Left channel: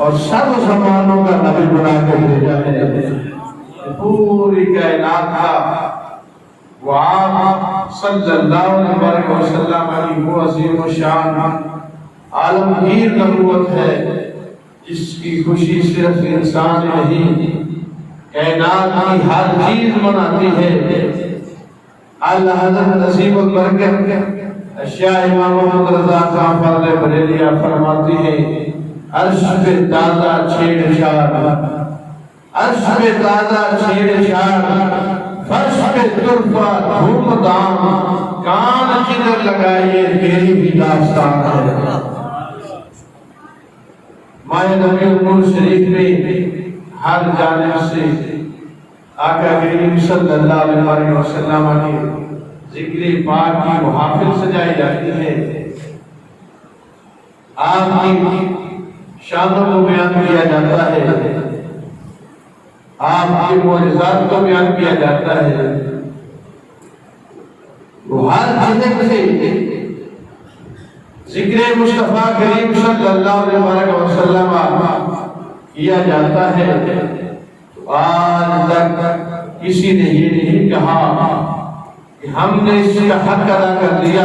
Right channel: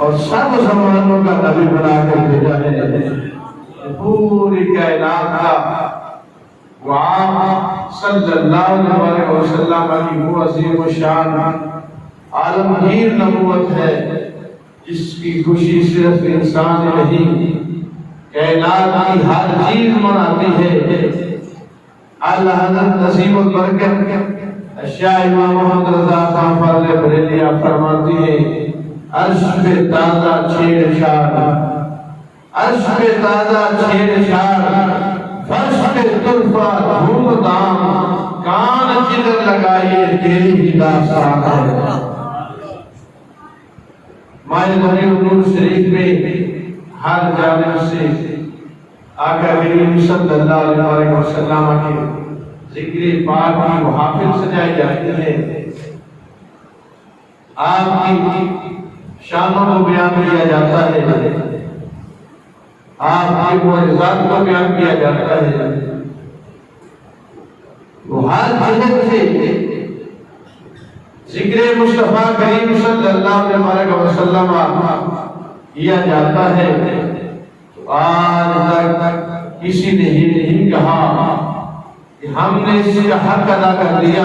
اور سب زمانوں کا نبی بنا کے بھیجا ہے. پوری کائنات کا وہ آپ صلی اللہ علیہ وسلم کی وہ عظیم و شان عالمگیر نبوت ہے جس کی خوشی صرف انسان نہیں کائنات کی ہر چیز مناتی ہے. اللہ حضرت نصیب البرکت اشیاء امام محمد رضا خان فاضل بریلہ فرماتی ہے عرش پہ تازہ چھیڑ چھاڑ، عرش پہ تازہ چھیڑ چھاڑ، فرش پہ طرفہ دھوم دھام، کان جدھر لگائیے تیری ہی داستان ہے. ماہ ربیع النور شریف میں ہر جانب سے آقا کریم صلی اللہ علیہ وسلم کی ذکر پاک کی محافل سجائی جاتی ہے. آپ کی شانوں کو بیان کیا جاتا ہے، آپ کی معجزات کو بیان کیا جاتا ہے. وہ ہر جانب سے ذکر مصطفیٰ کریم صلی اللہ علیہ وسلم کیا جاتا ہے. آج تک کسی نے ہی نہیں کہا کہ ہم نے اس کا حق ادا کر دیا،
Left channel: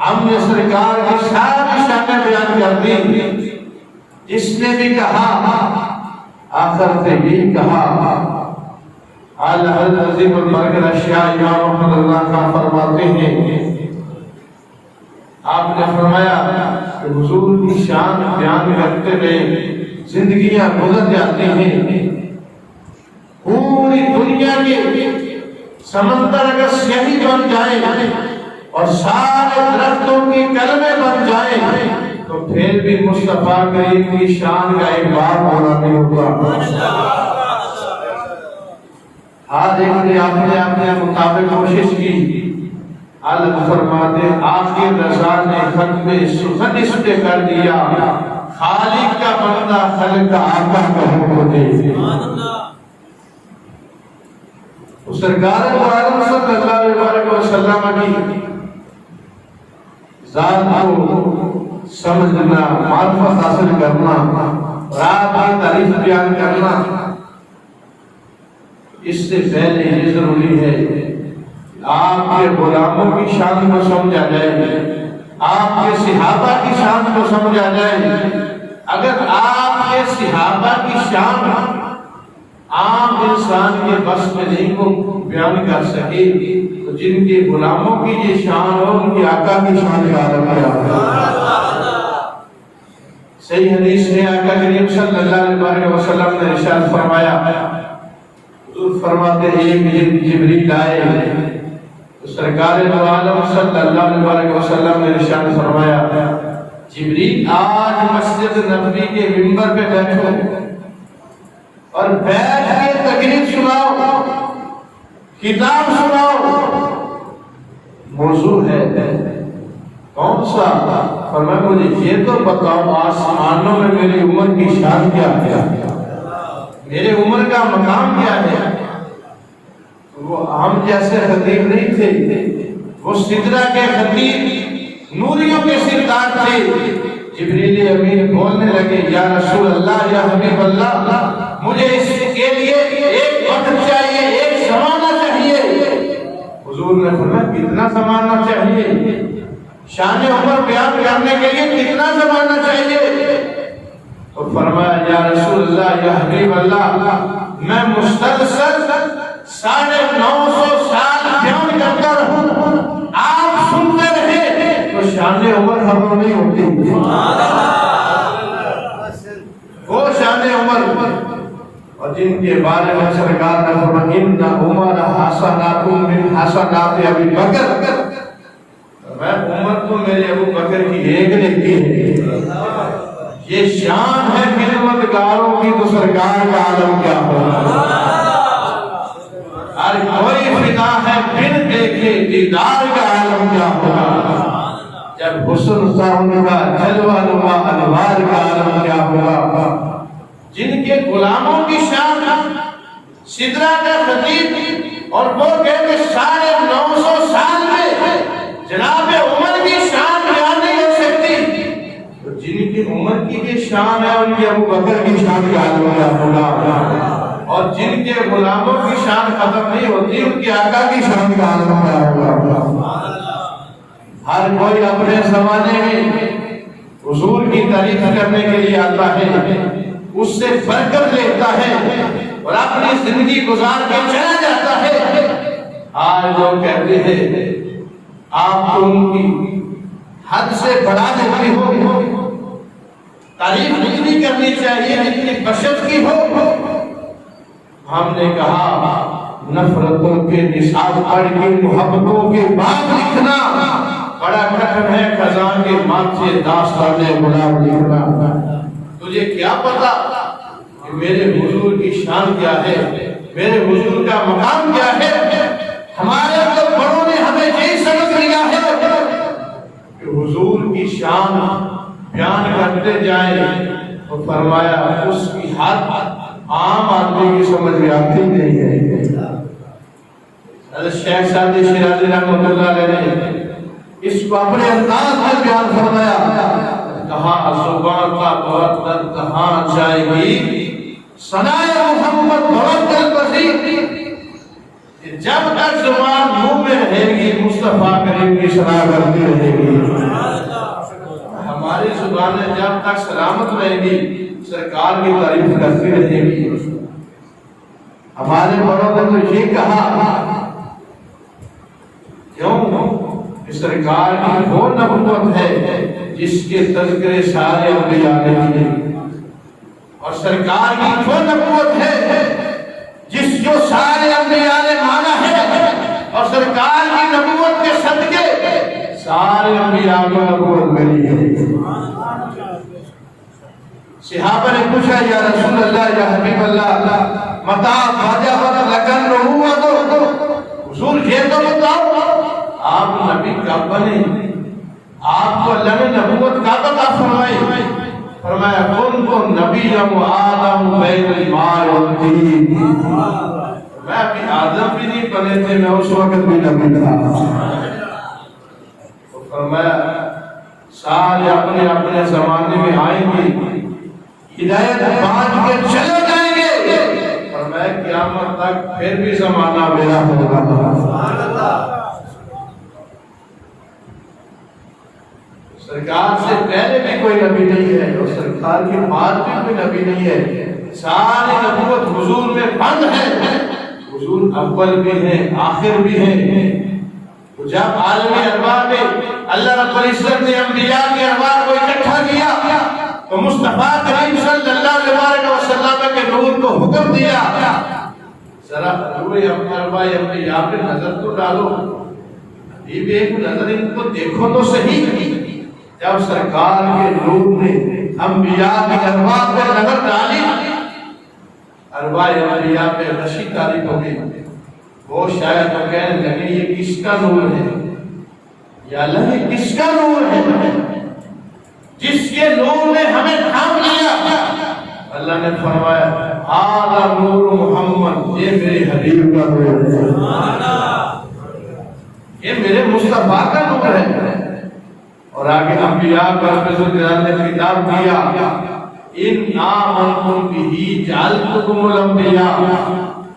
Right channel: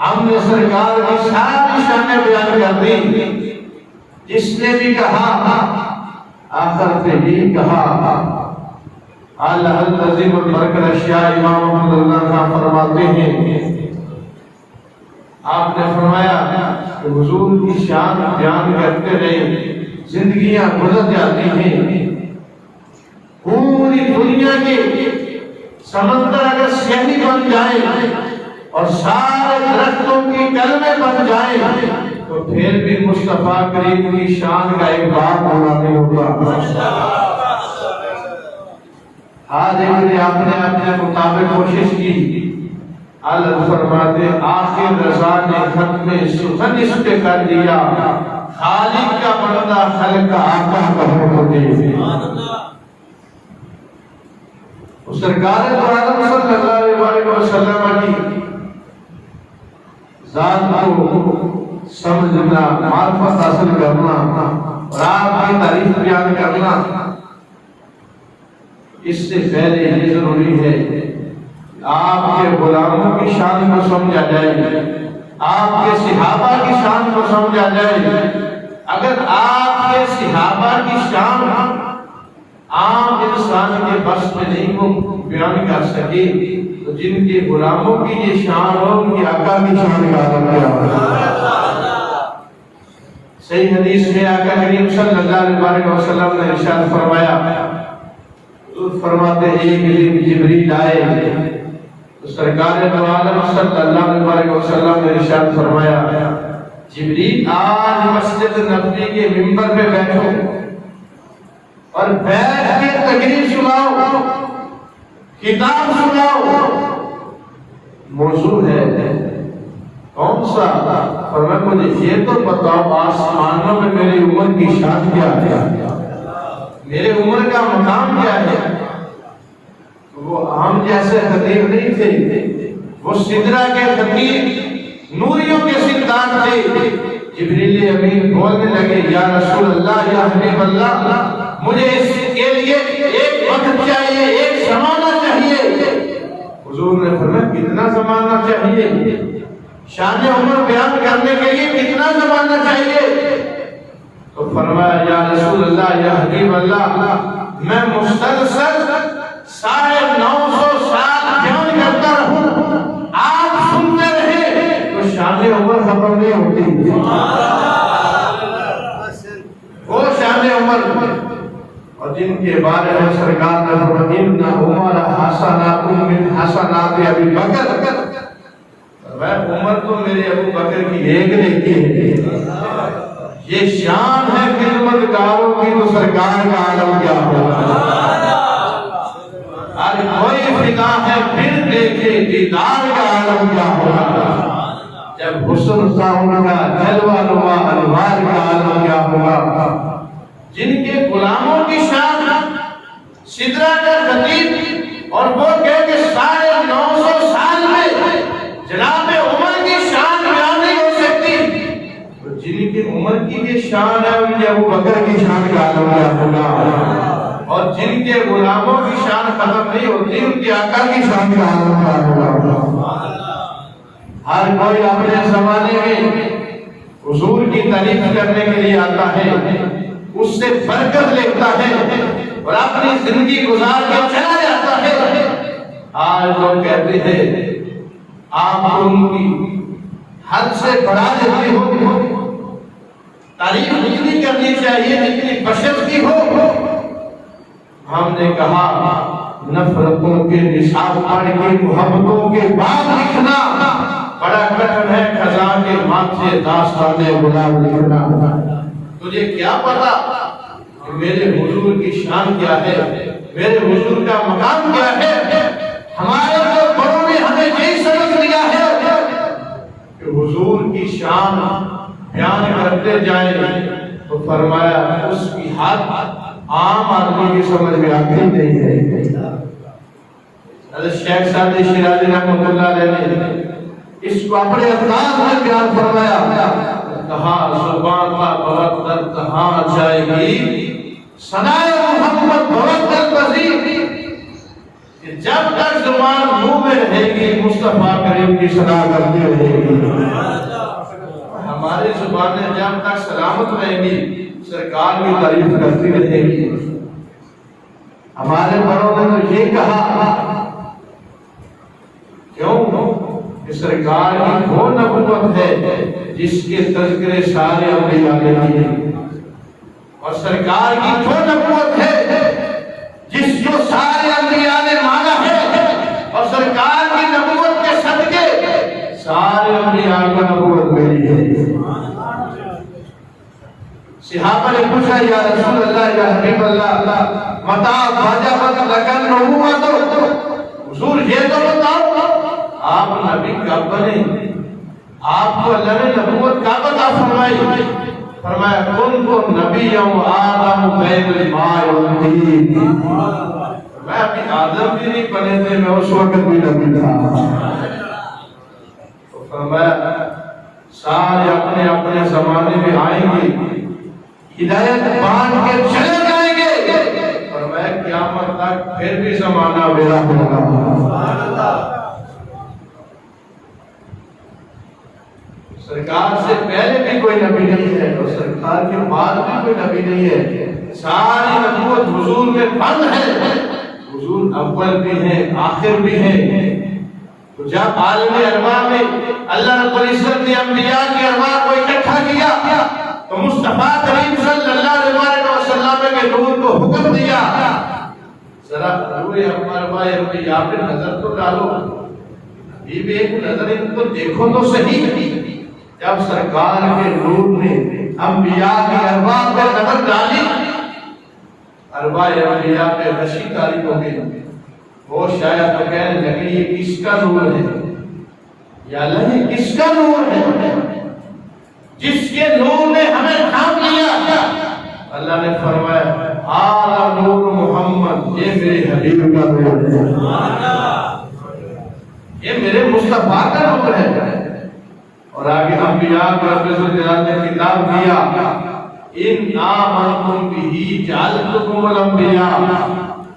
ہم نے سرکار کی ساری شانیں بیان کر دی. جس نے بھی کہا آخر پہ بھی کہا. حضرت عظیم البرکت اشیاء امام محمد اللہ خان فرماتے ہیں، آپ نے فرمایا کہ حضور کی شان بیان کرتے رہے زندگیاں گزر جاتی ہیں. پوری دنیا کے سمندر اگر سیاہی بن جائے اور سارے درختوں کی کلمے بن جائیں تو پھر بھی مصطفیٰ کریم کی شان کا ایک بار ہونا نہیں ہوتا. آج ایک آپ نے اپنے مطابق کوشش کی. اللہ فرماتے آخر رضا نے ختم سخن اس پہ کر دیا، خالق کا بندہ خلق کا آقا کہوں ہوتے. سرکار عالم صلی اللہ علیہ وسلم کی ذات کو سمجھنا، معرفت حاصل کرنا، رات کی تعریف بیان کرنا، اس سے پہلے یہ ضروری ہے آپ کے غلاموں کی شان کو سمجھا جائے، آپ کے صحابہ کی شان کو سمجھا جائے. اگر آپ کے صحابہ کی شان عام انسان کے بس میں نہیں کو بیان کر سکے تو جن کے غلاموں کی یہ شان ہو ان کی آقا کی شان کا عالم کیا ہوگا. صحیح حدیث میں آقا کریم صلی اللہ علیہ وسلم نے ارشاد فرمایا، حضور فرماتے ہیں ایک دن جبریل آئے تو سرکار دو عالم صلی اللہ علیہ وسلم نے ارشاد فرمایا، جبریل آج مسجد نبوی کے منبر پہ بیٹھو اور بیٹھ کے تقریر سناؤ، کتاب سناؤ. موضوع ہے کون سا؟ فرمایا مجھے یہ تو بتاؤ آسمانوں میں میری امت کی شان کیا ہے، میرے عمر کا مقام کیا ہے. وہ ہم جیسے خطیب نہیں تھے، وہ سدرہ کے خطیب نوریوں کے سردار تھے. جبریل امین بولنے لگے یا رسول اللہ یا حبیب اللہ مجھے اس کے لیے ایک وقت چاہیے، ایک زمانہ چاہیے. حضور نے فرمایا کتنا زمانہ چاہیے؟ شان عمر بیان کرنے کے لیے کتنا زمانہ چاہیے؟ تو فرمایا یا رسول اللہ یا حبیب اللہ میں مسلسل 950 سال بیان کرتا رہوں، آپ سنتے رہے تو شان عمر ختم نہیں ہوتی. وہ شان عمر اور جن کے بارے میں سرکار نے فرمایا ان عمر حسنات من حسنات ابی بکر، میں عمر تو میرے ابو بکر کی ایک نیکی ہے. یہ شان ہے خدمتگاروں کی تو سرکار کا عالم کیا ہوگا. ہر کوئی فدا ہے پھر دیکھے دیدار کا عالم کیا ہوگا. جب حسن سامنے کا جلوہ نما انوار کا عالم کیا ہوگا. جن کے غلاموں کی شان سدرہ کا خطیب اور وہ کہتے 950 سال میں جناب عمر کی شان بیان نہیں ہو سکتی، تو جن کی عمر کی بھی شان ہے ان کے ابو بکر کی شان کا عالم کیا ہوگا، اور جن کے غلاموں کی شان ختم نہیں ہوتی ان کے آقا کی شان کا عالم کیا ہوگا۔ ہر کوئی اپنے زمانے میں حضور کی تعریف کرنے کے لیے آتا ہے، اس سے برکت لیتا ہے اور اپنی زندگی گزار کے چلا جاتا ہے۔ آج لوگ کہتے ہیں آپ ان کی حد سے بڑھا دیتے ہو، تعریف اتنی کرنی چاہیے جتنی بشر کی ہو۔ ہم نے کہا نفرتوں کے نصاب پڑھ کے محبتوں کے بعد لکھنا بڑا کٹھن ہے، خزاں کے ماتھے داستان غلام لکھنا۔ تجھے کیا پتا کہ میرے حضور کی شان کیا ہے، میرے حضور کا مقام کیا ہے؟ ہمارے بڑوں نے ہمیں یہی سبق دیا ہے کہ حضور کی شان بیان کرتے جائیں تو فرمایا اس کی حد عام آدمی کی سمجھ میں آتی نہیں ہے۔ حضرت شیخ سعدی شیرازی رحمۃ اللہ علیہ نے اس کو اپنے انداز میں بیان فرمایا، کہاں زبان کا بوتر کہاں جائے گی ثنائے محمد بوتر پذیر، کہ جب تک زبان منہ میں رہے گی مصطفیٰ کریم کی ثنا کرتی رہے گی۔ ہماری زبانیں جب تک سلامت رہیں گی سرکار کی تعریف کرتی رہے گی۔ ہمارے بڑوں نے تو یہ کہا، کیوں کہ سرکار کی وہ نبوت ہے جس کے تذکرے سارے انبیاء نے کیے، اور سرکار کی وہ نبوت ہے جس کو سارے انبیاء نے مانا ہے، اور سرکار کی نبوت کے صدقے سارے انبیاء کو نبوت ملی ہے۔ صحابہ نے پوچھا یا رسول اللہ یا حبیب اللہ متا وجبت لکن نبوت، حضور یہ تو بتاؤ آپ نبی کب بنے، آپ کو اللہ نے نبوت کب عطا فرمائی؟ فرمایا کن کو نبی و آدم بین الماء والطین، میں ابھی آدم بھی نہیں بنے تھے، میں اس وقت بھی نبی تھا۔ تو فرمایا سارے اپنے اپنے زمانے میں آئیں گے، ہدایت بانٹ کے چلے جائیں گے، فرمایا قیامت تک پھر بھی زمانہ میرا ہوگا۔ سرکار سے پہلے بھی کوئی نبی نہیں ہے اور سرکار کے بعد بھی کوئی نبی نہیں ہے، ساری نبوت حضور میں بند ہے۔ حضور اول بھی ہیں آخر بھی ہیں۔ تو جب عالم ارواح میں اللہ رب العزت نے انبیاء کی ارواح کو اکٹھا کیا تو مصطفیٰ کریم صلی اللہ علیہ وسلم کے نور کو حکم دیا، ذرا روح ارواح انبیاء پہ نظر تو ڈالو، ابھی بھی ایک نظر ان کو دیکھو تو صحیح۔ جب سرکار کے نور نے انبیاء کی ارواح پہ نظر ڈالی، ارواح انبیاء پہ نشی تاریخ ہو گئی، وہ شاید تو کہنے لگے یہ کس کا نور ہے، یا اللہ یہ کس کا نور ہے جس کے نور نے ہمیں تھام لیا؟ اللہ نے فرمایا آدھا نور محمد، یہ میرے حبیب کا نور ہے، یہ میرے مصطفیٰ کا نور ہے۔ اور آگے انبیاء کو رب نے خطاب کیا، ان آمنتم بہ جعلتکم الانبیاء،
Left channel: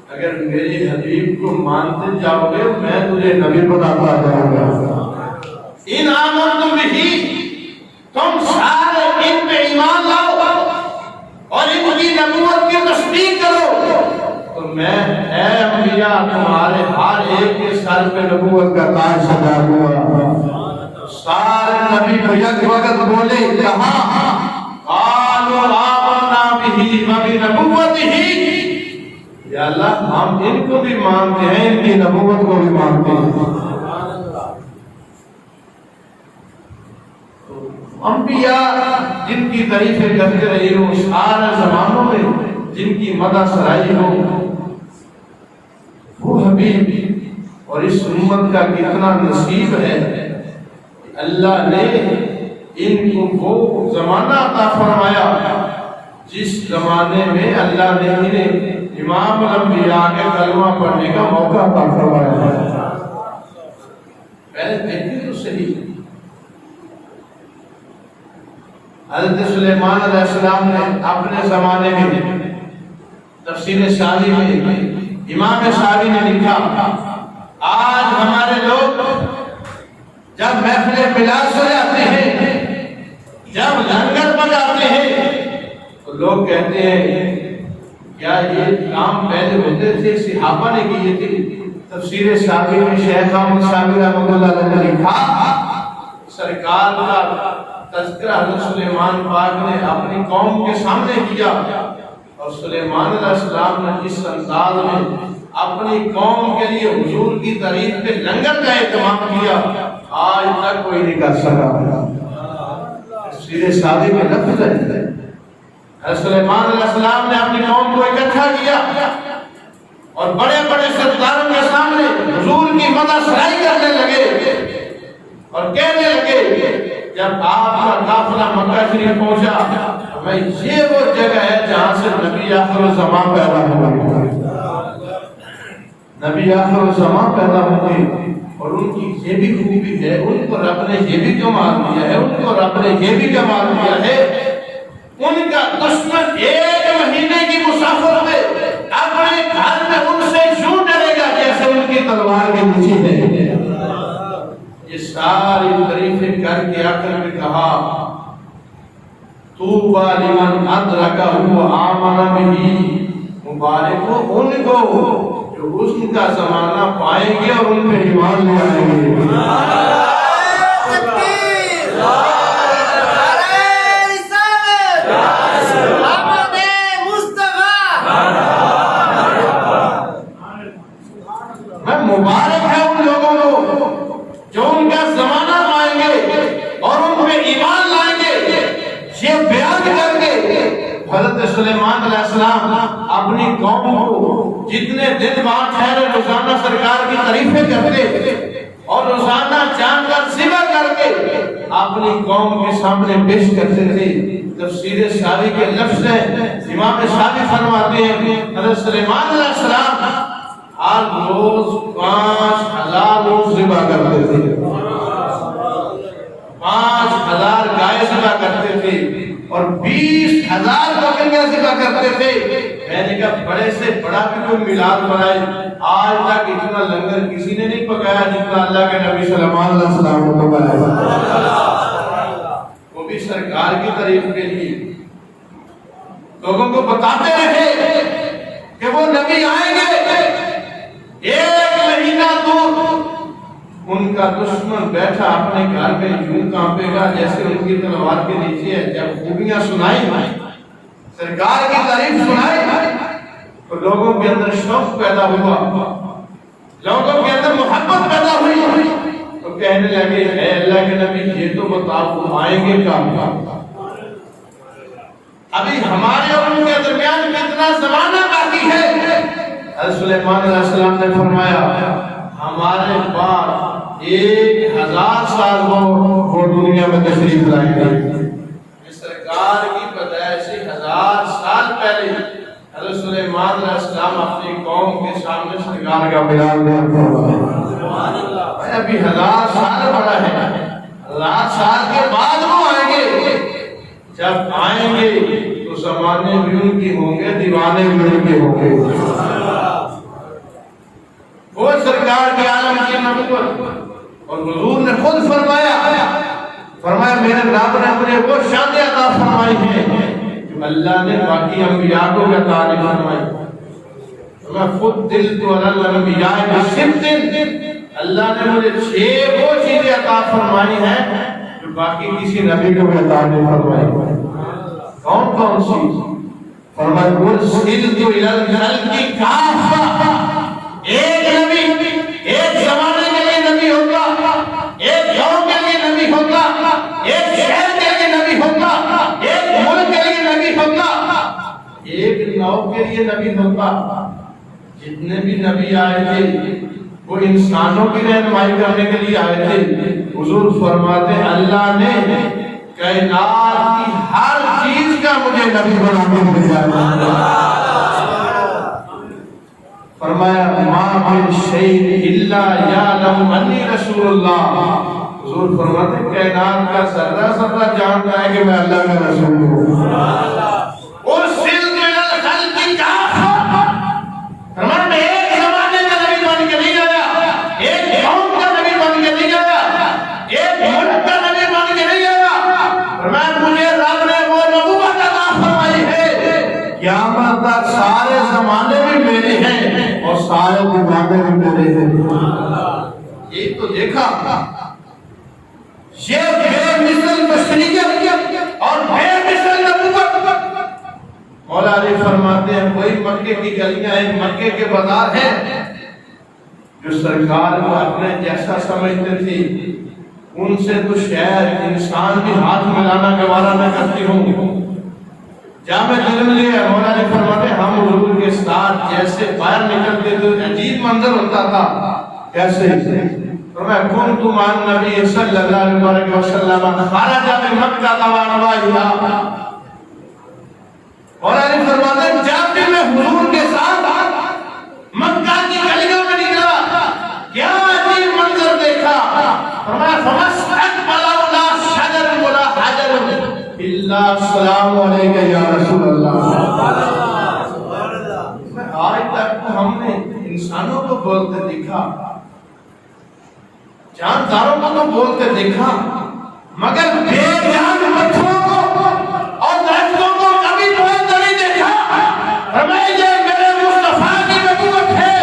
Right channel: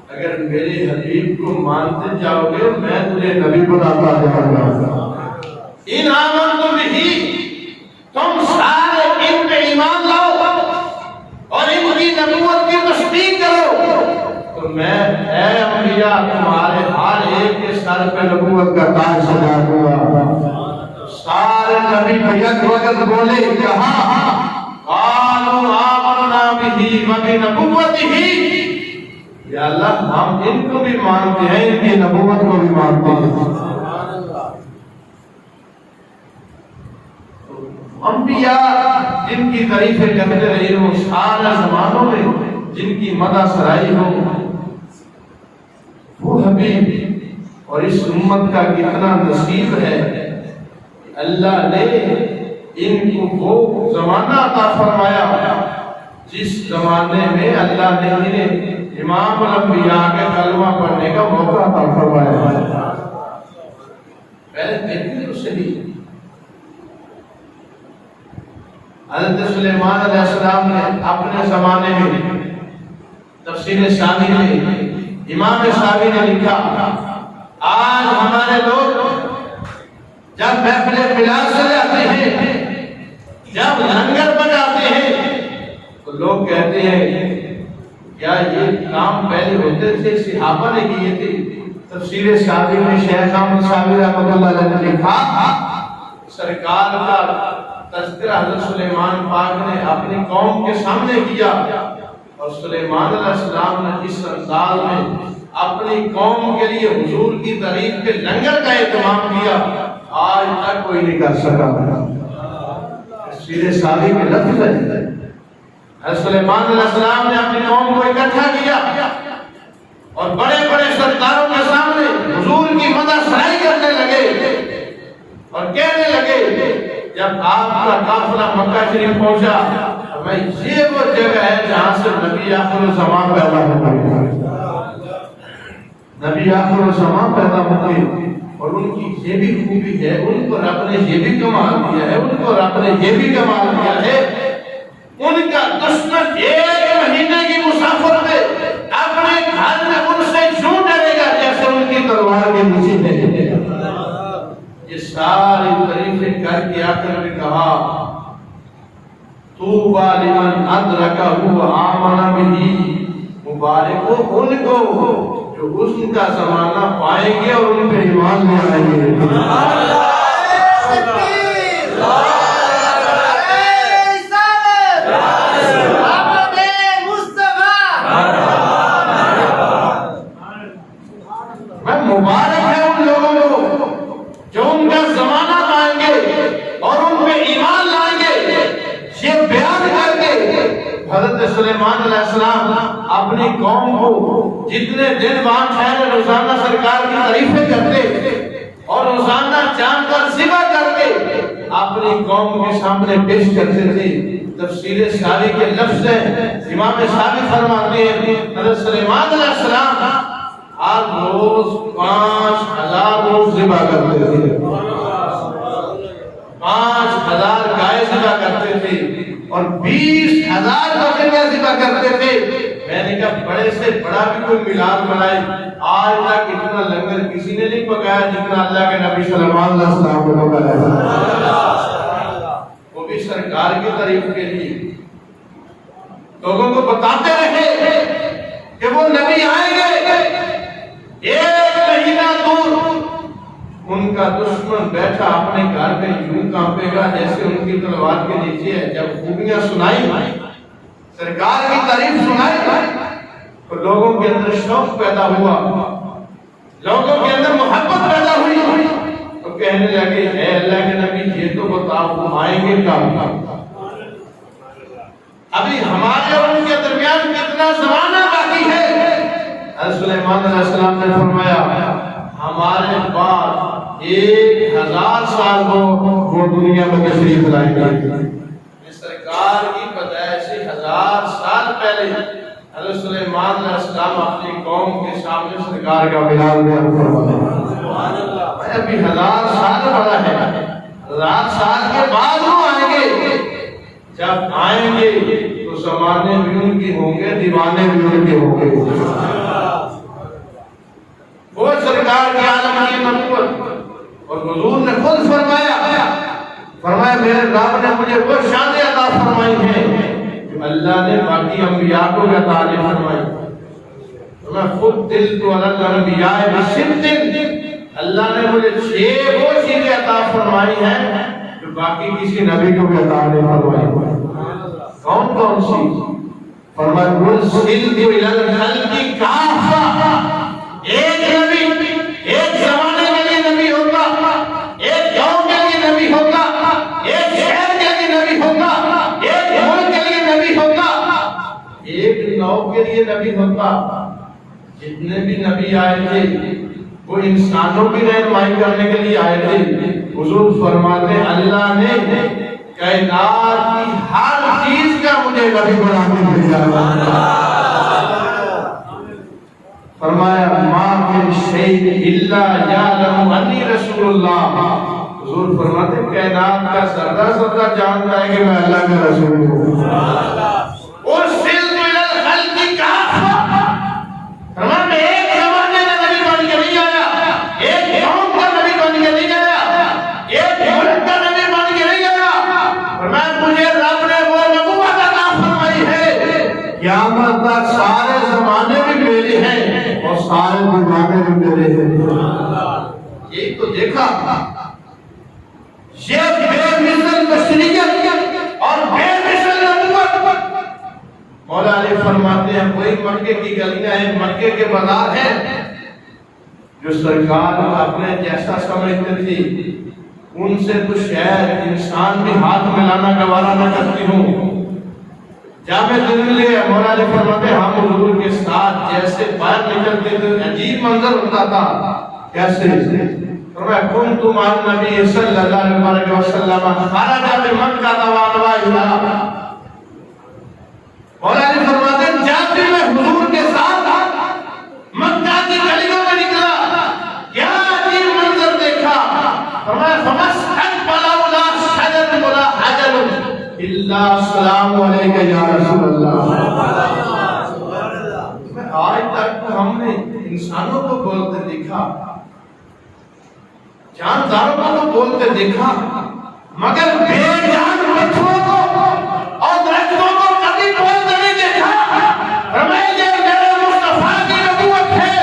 اگر میرے حبیب کو مانتے جاؤ گے میں تجھے نبی بناتا جاؤں گا۔ ان آمنتم بہ، تم سارے ان پہ ایمان لاؤ اور ان کی نبوت کی تصدیق کرو تو میں اے انبیاء تمہارے ہر ایک کے سر پہ نبوت کا تاج سجاؤں گا۔ سارے نبی یک وقت بولے کہاں قالوا آمنا بہ وبنبوتہ، یا اللہ ہم ان کو بھی مانتے ہیں، ان کی نبوت کو بھی مانتے ہیں۔ انبیاء جن کی تعریفیں کرتے رہی ہوں سارے زمانوں میں، جن کی مدح سرائی ہو، وہ حبیب اور اس امت کا کتنا نصیب ہے۔ اللہ نے ان کو وہ زمانہ عطا فرمایا جس زمانے میں اللہ نے انہیں امام الانبیاء کے کلمہ پڑھنے کا موقع عطا فرمایا۔ پہلے دیکھیں تو صحیح، حضرت سلیمان علیہ السلام نے اپنے زمانے میں تفسیر ساوی میں امام ساوی نے لکھا، آج ہمارے لوگ جب محفل میلاد سجاتے ہیں، جب لنگر بناتے ہیں، تو لوگ کہتے ہیں کیا یہ کام پہلے ہوتے تھے، صحابہ نے کیے تھے؟ تفسیر ساوی میں شیخ احمد ساوی رحمۃ اللہ علیہ نے لکھا، سرکار کا تذکرہ حضرت سلیمان پاک نے اپنی قوم کے سامنے کیا، اور سلیمان علیہ السلام نے اس انداز میں اپنی قوم کے لیے حضور کی تعریف کے لنگر کا اہتمام کیا، آج تک کوئی نہیں کر سکا۔ تفسیر ساوی میں لفظ ہے، حضرت سلیمان علیہ السلام نے اپنی قوم کو اکٹھا کیا اور بڑے بڑے سرداروں کے سامنے حضور کی مدح سرائی کرنے لگے اور کہنے لگے، جب آپ کا قافلہ مکہ شریف پہنچا، میں یہ وہ جگہ ہے جہاں سے نبی آخر الزمان پیدا ہوں گے، نبی آخر الزمان پیدا ہوں گے۔ اور ان کی یہ بھی خوبی ہے، ان کو رب نے یہ بھی کمال دیا ہے، ان کو رب نے یہ بھی کمال دیا ہے، ان کا دشمن 1 مہینے کی مسافت میں اپنے گھر میں ان سے یوں ڈرے گا جیسے ان کی تلوار کے نیچے ہے۔ یہ ساری تعریفیں کر کے آخر میں کہا، طوبیٰ لمن ادرکہ وآمن بہ، مبارک ہو ان کو جو اس کا زمانہ پائیں گے اور ان پہ ایمان لے آئیں گے۔ مبارک ہے ان لوگوں کو جو ان کا زمانہ پائیں گے اور ان پہ ایمان لائیں گے۔ یہ بیان کر کے حضرت سلیمان علیہ السلام اپنی قوم کو جتنے دن وہاں ٹھہرے روزانہ سرکار کی تعریفیں کرتے اور روزانہ چاند کا ذبح کر کے اپنی قوم کے سامنے پیش کرتے تھے۔ تفسیر ساوی کے لفظ ہیں، امام ساوی فرماتے ہیں حضرت سلیمان علیہ السلام ہر روز 5000 روز ذبح کرتے تھے، 5000 گائے ذبح کرتے تھے اور 20000 بکریاں ذبح کرتے تھے۔ میں نے کہا بڑے سے بڑا بھی کوئی میلاد منائے، آج تک اتنا لنگر کسی نے نہیں پکایا جتنا اللہ کے نبی سلیمان علیہ السلام کو پکایا، وہ بھی سرکار کی تعریف کے لیے لوگوں کو بتاتے رہے کہ وہ نبی آئیں گے 1 مہینہ دور، ان کا دشمن بیٹھا اپنے گھر میں یوں کانپے گا جیسے ان کی تلوار کے نیچے ہے۔ جب خوبیاں سنائی، سرکار کی تعریف سنائی، تو لوگوں کے اندر شوق پیدا ہوا، لوگوں کے اندر محبت پیدا ہوئی، تو کہنے لگے اے اللہ کے نبی یہ تو بتاؤ وہ آئیں گے کب؟ ابھی ہمارے اور ان کے درمیان کتنا زمانہ باقی ہے؟ حضرت سلیمان علیہ السلام نے فرمایا ہمارے بعد 1000 سال وہ دنیا میں تشریف لائیں گے۔ سرکار کی پیدائش سے 1000 سال پہلے حضرت سلیمان علیہ السلام اپنی قوم کے سامنے سرکار کا ملاد دے فرمایا۔ ابھی 1000 سال بڑا ہے، 1000 سال کے بعد وہ آئیں گے۔ جب آئیں گے تو زمانے بھی ان کی ہوں گے، دیوانے بھی ان کے ہوں گے۔ وہ سرکار کے عالم کی نبوت، اور حضور نے خود فرمایا میرے رب نے مجھے وہ شانیں عطا فرمائی ہیں جو اللہ نے باقی انبیاء کو عطا نہیں فرمائی۔ میں خود دل تو الانبیاء بست، اللہ نے مجھے 6 وہ چیزیں عطا فرمائی ہیں جو باقی کسی نبی کو بھی عطا نہیں فرمائی۔ کون سی؟ فرمایا ارسلت الی الخلق کافہ، ایک نبی ایک زمانے کے لیے نبی ہوگا، ایک قوم کے لیے نبی ہوگا، ایک شہر کے لیے نبی ہوگا، ایک ملک کے لیے نبی ہوگا، ایک نو کے لیے نبی ہوگا۔ جتنے بھی نبی آئے تھے وہ انسانوں کی رہنمائی کرنے کے لیے آئے تھے۔ حضور فرماتے ہیں اللہ نے کائنات کی ہر چیز کا مجھے نبی بنا کے بھیجا۔ فرمایا ما من شیء الا یعلم انی رسول اللہ، حضور فرماتے کائنات کا ذرہ ذرہ جانتا ہے کہ میں اللہ کا رسول ہوں. ارسلت الی الخلق کافہ، فرمایا میں ایک زمانے کا نبی بن کے نہیں آیا، ایک قوم کا نبی بن کے نہیں آیا، ایک ملک کا نبی بن کے نہیں آیا. فرمایا مجھے رب نے وہ نبوت عطا فرمائی ہے قیامت تک سارے زمانے بھی میرے ہیں اور سارے زمانے بھی میرے ہیں. یہی تو دیکھا یہ بے مثل بشریت اور بے مثل نبوت. مولا علی فرماتے ہیں وہی مکے کی گلیاں ہیں، مکے کے بازار ہیں جو سرکار کو اپنے جیسا سمجھتے تھی، ان سے تو شاید انسان بھی ہاتھ ملانا گوارا نہ کرتی ہوں. جامع دل لے مولا علی فرماتے ہم حضور کے ساتھ جیسے باہر نکلتے تھے عجیب منظر ہوتا تھا. کیسے؟ فرمایا کنت مع النبی صلی اللہ علیہ وسلم خرج بمکہ وانواہا. مولا علی فرماتے ہیں جب بھی میں حضور کے ساتھ مکہ کی گلیوں میں نکلا کیا عجیب منظر دیکھا. فرمایا فمستقبل ولا شجر ولا حجر الا السلام علیک یا رسول اللہ. آج تک تو ہم نے انسانوں کو بولتے دیکھا، جانداروں کو تو بولتے دیکھا، مگر بے جان پتھروں کو اور درختوں کو کبھی بولتے نہیں دیکھا. فرمایا یہ میرے مصطفیٰ کی نبوت ہے.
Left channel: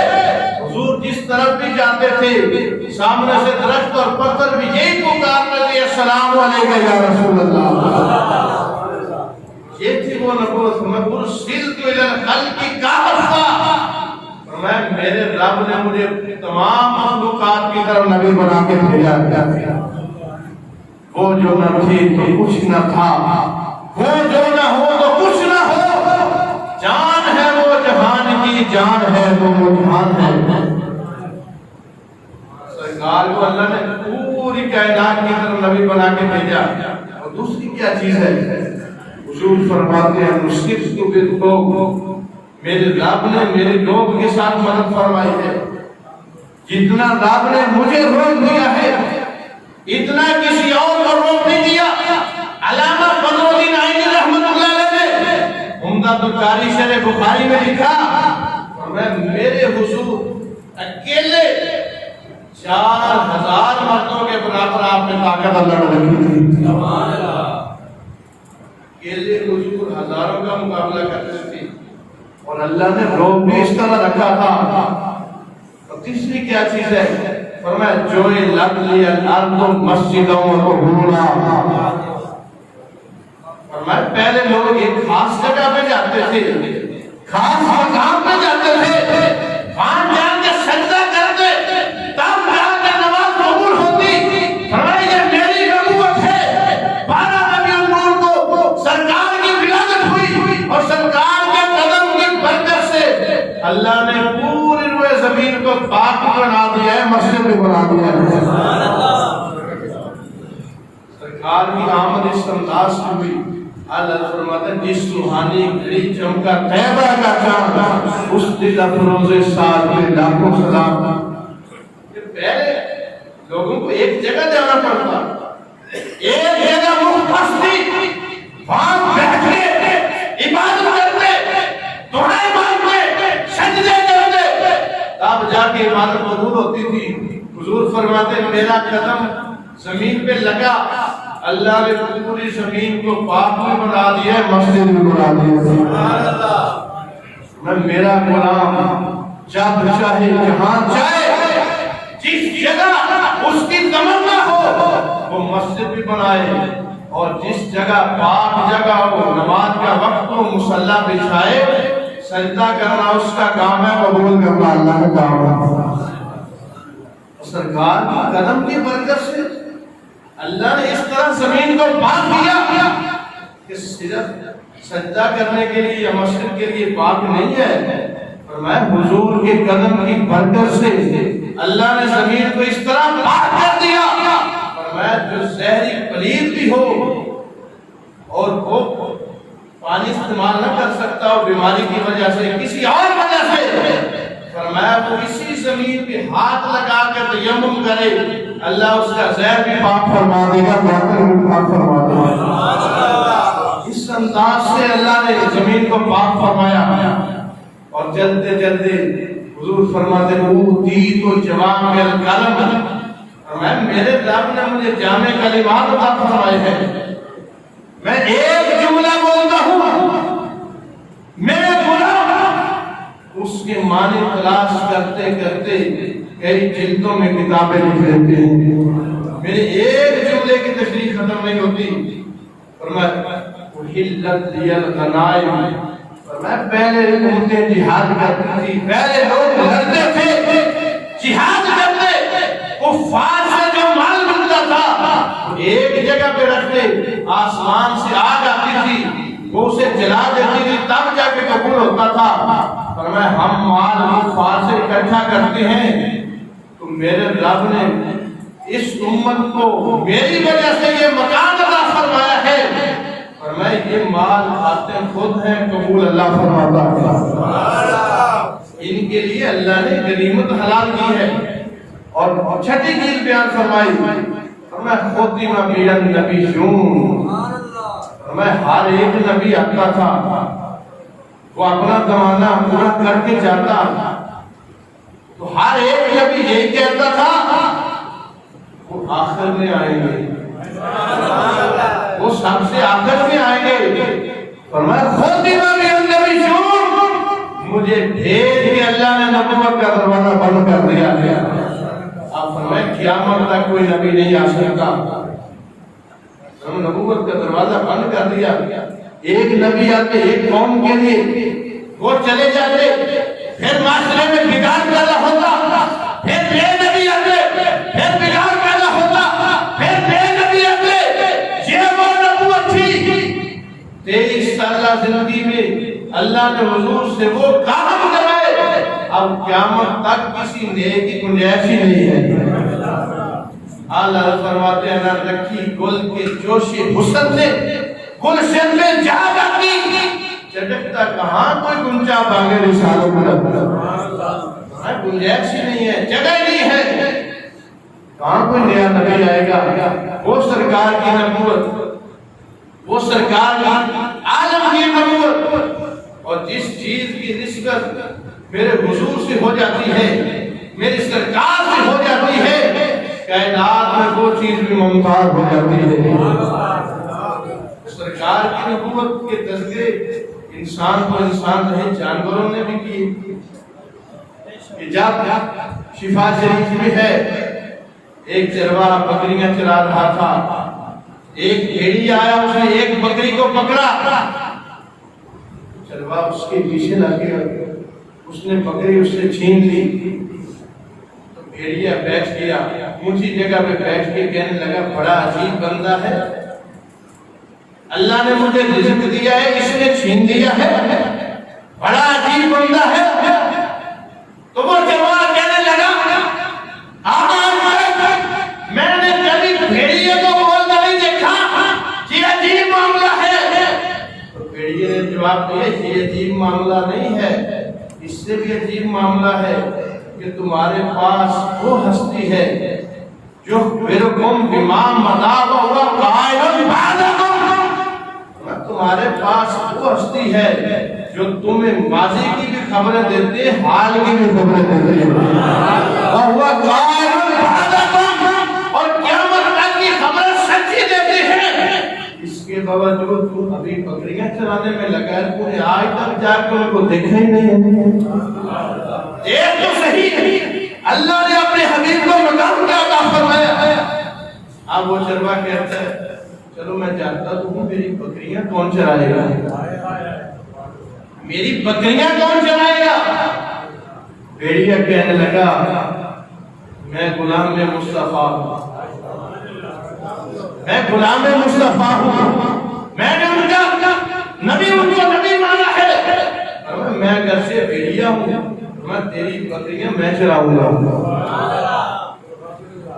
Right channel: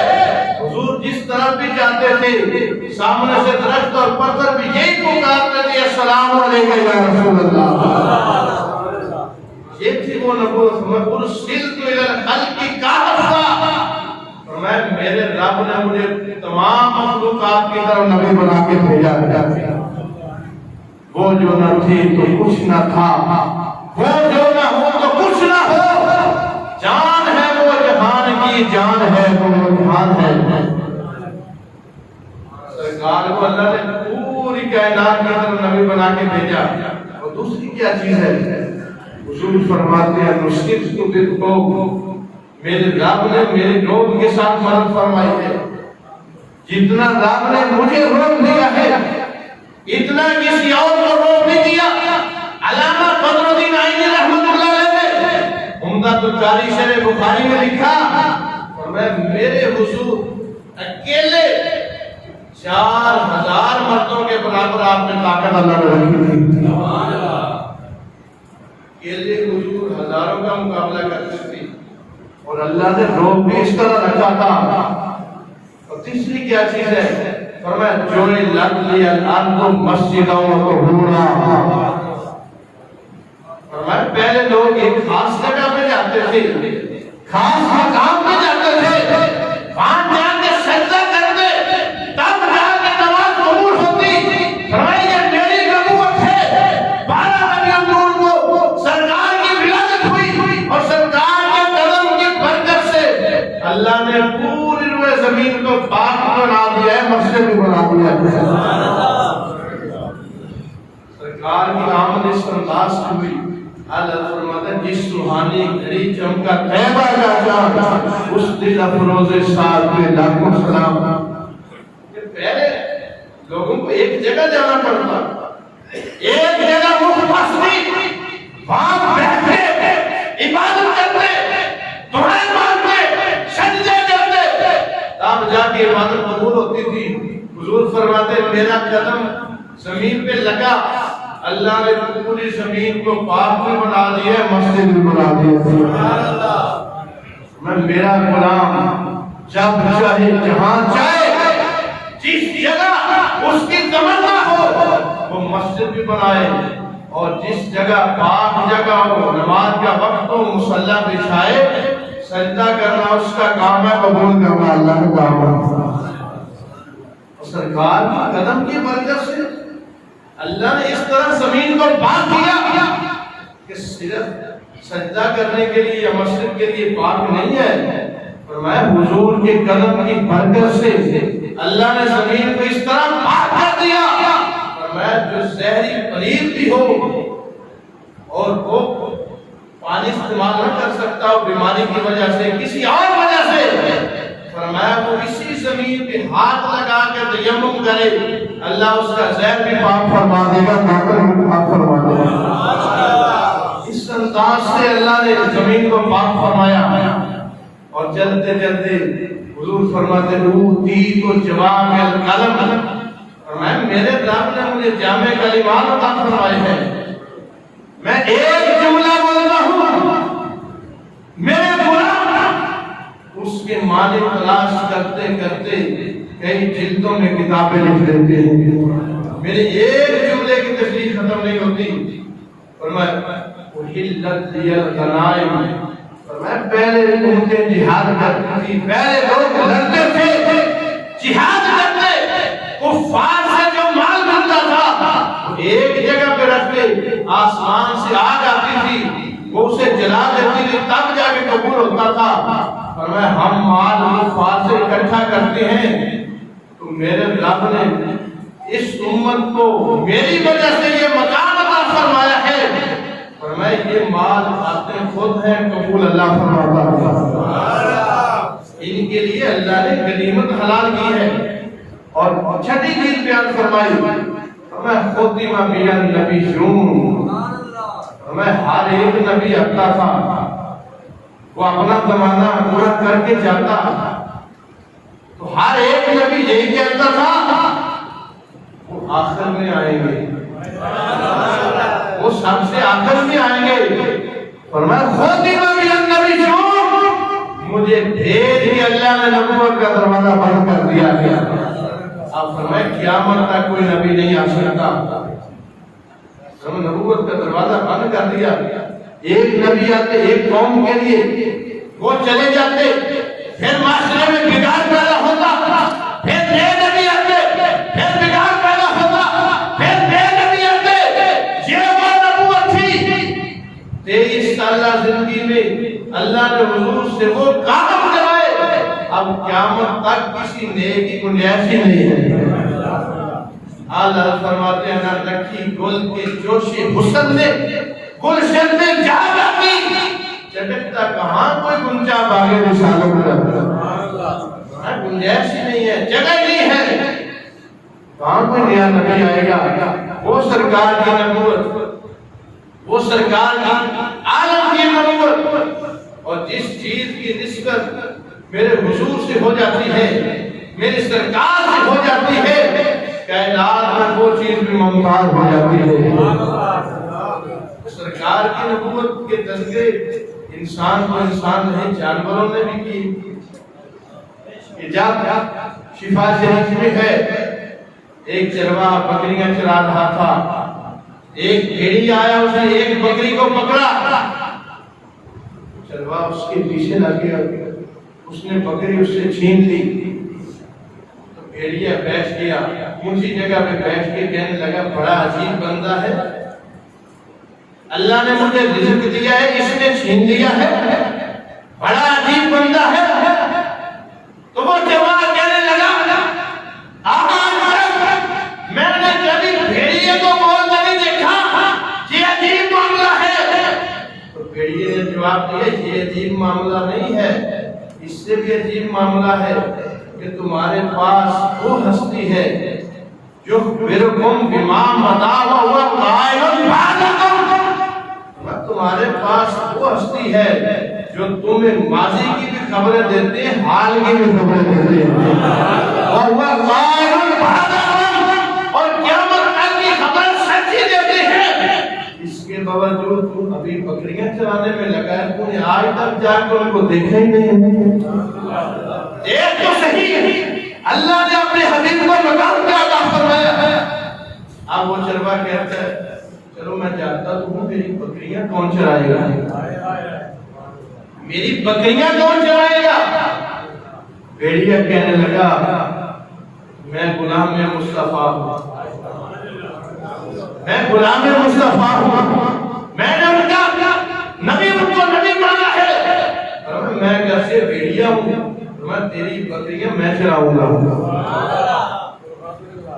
حضور جس طرف بھی جاتے تھے سامنے سے درخت اور پتھر بھی یہی پکارتے تھے السلام علیکم یا رسول اللہ. یہ تھی وہ نبوت. میں ارسلت الی الخلق کافہ، میں میرے رب نے مجھے تمام مخلوقات کی طرف نبی بنا کے بھیجا. وہ جو نہ تھی تو کچھ نہ تھا، وہ جو نہ ہو تو کچھ نہ ہو. جان ہے وہ جہان کی، جان ہے وہ جہان ہے. سرکار کو اللہ نے پوری کائنات کی طرف نبی بنا کے بھیجا. اور دوسری کیا چیز ہے؟ حضور فرماتے ہیں مشکل تو بالقوم، میرے رب نے میرے لوگ کے ساتھ مدد فرمائی ہے. جتنا رب نے مجھے روک دیا ہے اتنا کسی اور کو روک نہیں دیا. علامہ بدر الدین عینی رحمۃ اللہ علیہ نے عمدۃ القاری شرح بخاری میں لکھا میں میرے حضور اکیلے 4000 مردوں کے برابر آپ میں طاقت اللہ نے رکھی تھی. سبحان اللہ. اکیلے حضور ہزاروں کا مقابلہ کرتے تھے اور اللہ نے روب بھی اس طرح رکھا تھا. اور تیسری کیا چیز ہے؟ فرمایا جو لگ لیا الارض مسجدوں و طہورا. فرمایا پہلے لوگ ایک خاص جگہ پہ جاتے تھے، خاص مقام پہ جاتے تھے، وہاں جا کے سجدہ کرتے تب جا کے نماز قبول ہوتی. فرمایا یہ میری نبوت ہے. 12 ربیع الاول کو سرکار کی ولادت ہوئی اور سرکار اللہ نے پوری روئے زمین کو پاک بنا دیا ہے، مسجد بھی بنا دیا ہے. سرکار کی آمد اس انداز سے ہوئی. اللہ فرماتا ہے جس روحانی گھڑی چمکا طیبہ کا چاند اس دل افروز ساتھ میں لاکھوں سلام. پہلے لوگوں کو ایک جگہ جانا پڑتا، ایک جگہ مختص تھی، وہاں بیٹھے عبادت کرتے، دعائیں سجدے کرتے، تب جا کے عبادت قبول ہوتی تھی. حضور فرماتے میرا قدم زمین پہ لگا اللہ نے پوری زمین کو پاک بھی بنا دیا، مسجد بھی بنا دیا. سبحان اللہ. میں میرا غلام جب چاہے جہاں چاہے جس جگہ اس کی تمنا ہو وہ مسجد بھی بنائے، اور جس جگہ پاک جگہ ہو نماز کا وقت ہو مصلی بچھائے. سجدہ کرنا اس کا کام ہے، قبول کرنا اللہ کا کام ہے. سرکار کی قدم کی برکت سے اللہ نے اس طرح زمین کو پاک کیا کہ صرف سجدہ کرنے کے لیے یا مسجد کے لیے پاک نہیں ہے. فرمایا حضور کے قدم کی برکت سے اللہ نے زمین کو اس طرح پاک کر دیا. فرمایا جو زہری پلید بھی ہو اور وہ پانی استعمال نہ کر سکتا ہو بیماری کی وجہ سے کسی اور وجہ سے، فرمایا وہ اسی زمین پہ ہاتھ لگا کے تیمم کرے اللہ اس کا زہر بھی پاک فرما دے گا، پاک فرما دے گا۔ اس انداز سے اللہ نے زمین کو پاک فرمایا اور چلتے چلتے حضور فرماتے اوتی تو جوامع الکلم، فرمایا میرے رب نے مجھے جامع کلمات عطا فرمائے ہیں، میں ایک جملہ بولتا ہوں میرے غلام اس کے معنی تلاش کرتے کرتے کئی جلدوں میں کتابیں لکھ لیتے ہیں، میرے ایک جملے کی تشریح ختم نہیں ہوتی۔ فرمایا احلت لی الغنائم، فرمایا پہلے امتیں جہاد کرتی تھی، پہلے لوگ لڑتے تھے جہاد کرتے، کفار سے جو مال ملتا تھا ایک جگہ پہ رکھتے، آسمان سے آگ آتی تھی وہ اسے جلا دیتی تھی تب جا کے قبول ہوتا تھا۔ فرمایا ہم مال کفار سے اکٹھا کرتے ہیں تو میرے رب نے اس امت کو میری وجہ سے یہ مقام عطا فرمایا ہے، فرمایا یہ مال آتے خود ہیں، قبول اللہ فرماتا ہے، ان کے لیے اللہ نے غنیمت حلال کی ہے۔ اور چھٹی چیز بیان فرمائی، فرمایا خاتمہ من النبیون، فرمایا ہر ایک نبی آتا تھا وہ اپنا زمانہ پورا کر کے جاتا، تو ہر ایک نبی یہی کہتا تھا وہ آخر میں آئیں گے، وہ سب سے آخر میں آئیں گے۔ فرمایا خاتمہ من النبیون، مجھے ڈھیر ہی اللہ نے نبوت کا دروازہ بند کر دیا ہے، آپ فرمائے قیامت تک کوئی نبی نہیں آ سکتا، نبوت کا دروازہ بند کر دیا۔ ایک نبی آتے ایک قوم کے لیے، وہ چلے جاتے، پھر معاشرے میں بگاڑ پیدا ہوتا، پھر نئے نبی آتے، پھر بگاڑ پیدا ہوتا، پھر نئے نبی آتے، یہ وہ نبوت تھی۔ 23 سالہ زندگی میں اللہ نے حضور سے وہ کام کروائے، اب قیامت تک کسی نئے کی گنجائش ہی نہیں ہے۔ اللہ فرماتے ہیں نہ رکھی گل کے جوش حسن نے گلشن میں جا رکھی، چٹکتا کہاں کوئی گنجا باغے رسالوں کو جاتا، گنجائش ہی نہیں ہے، جگہ نہیں ہے، کہاں کوئی نیا نبی آئے گا۔ وہ سرکار کی نبوت، وہ سرکار کی عالم کی نبوت، اور جس چیز کی نسبت میرے حضور سے ہو جاتی ہے، میری سرکار سے ہو جاتی ہے، کائنات میں وہ چیز بھی ممتاز ہو جاتی ہے۔ سرکار کی نبوت کے تذکرے انسان کو انسان نہیں جانوروں نے بھی کی۔ جب شفا شریف میں ہے، ایک چرواہا بکریاں چرا رہا تھا، ایک بھیڑی آیا، اس نے ایک بکری کو پکڑا، چرواہا اس کے پیچھے لگ گیا، اس نے بکری اس سے چھین لی، تو بھیڑیا بیٹھ گیا اونچی جگہ پہ بیٹھ کے کہنے لگا بڑا عجیب بندہ ہے، اللہ نے مجھے رزق دیا ہے اس نے چھین لیا ہے، بڑا عجیب بندہ ہے۔ تو وہ جواب کہنے لگا آج تک میں نے کبھی بھیڑیے کو بولتے نہیں دیکھا، یہ عجیب معاملہ ہے۔ تو بھیڑیے نے جواب دیا یہ عجیب معاملہ نہیں ہے، اس سے بھی عجیب معاملہ ہے کہ تمہارے پاس وہ ہستی ہے جو برکم بما مضى وهو قائل بعدکم، تمہارے پاس وہ ہستی ہے جو تمہیں ماضی کی بھی خبریں دیتے ہیں، حال کی بھی خبریں دیتے ہیں، وَهُوَ قَائِلٌ بَعْدَكُمْ، اور قیامت تک کی خبر سچی دیتی ہے۔ اس کے باوجود تم ابھی بکریاں چرانے میں لگا ہے، تم نے آج تک جا کے ان کو دیکھا ہی نہیں۔ ایک تو صحیح اللہ نے اپنے حبیب کو مقام کیا عطا فرمایا ہے۔ اب وہ چرواہا کہتا ہے چلو میں جانتا تو ہوں میری بکریاں کون چرائے گا، میری بکریاں کون چرائے گا؟ بھیڑیا کہنے لگا میں غلام مصطفیٰ ہوں، میں غلام مصطفیٰ ہوں، میں نے ان کا نبی ان کو نبی مانا ہے، میں گھر سے بھیڑیا ہوں، میں تیری بکریاں میں چراؤں گا۔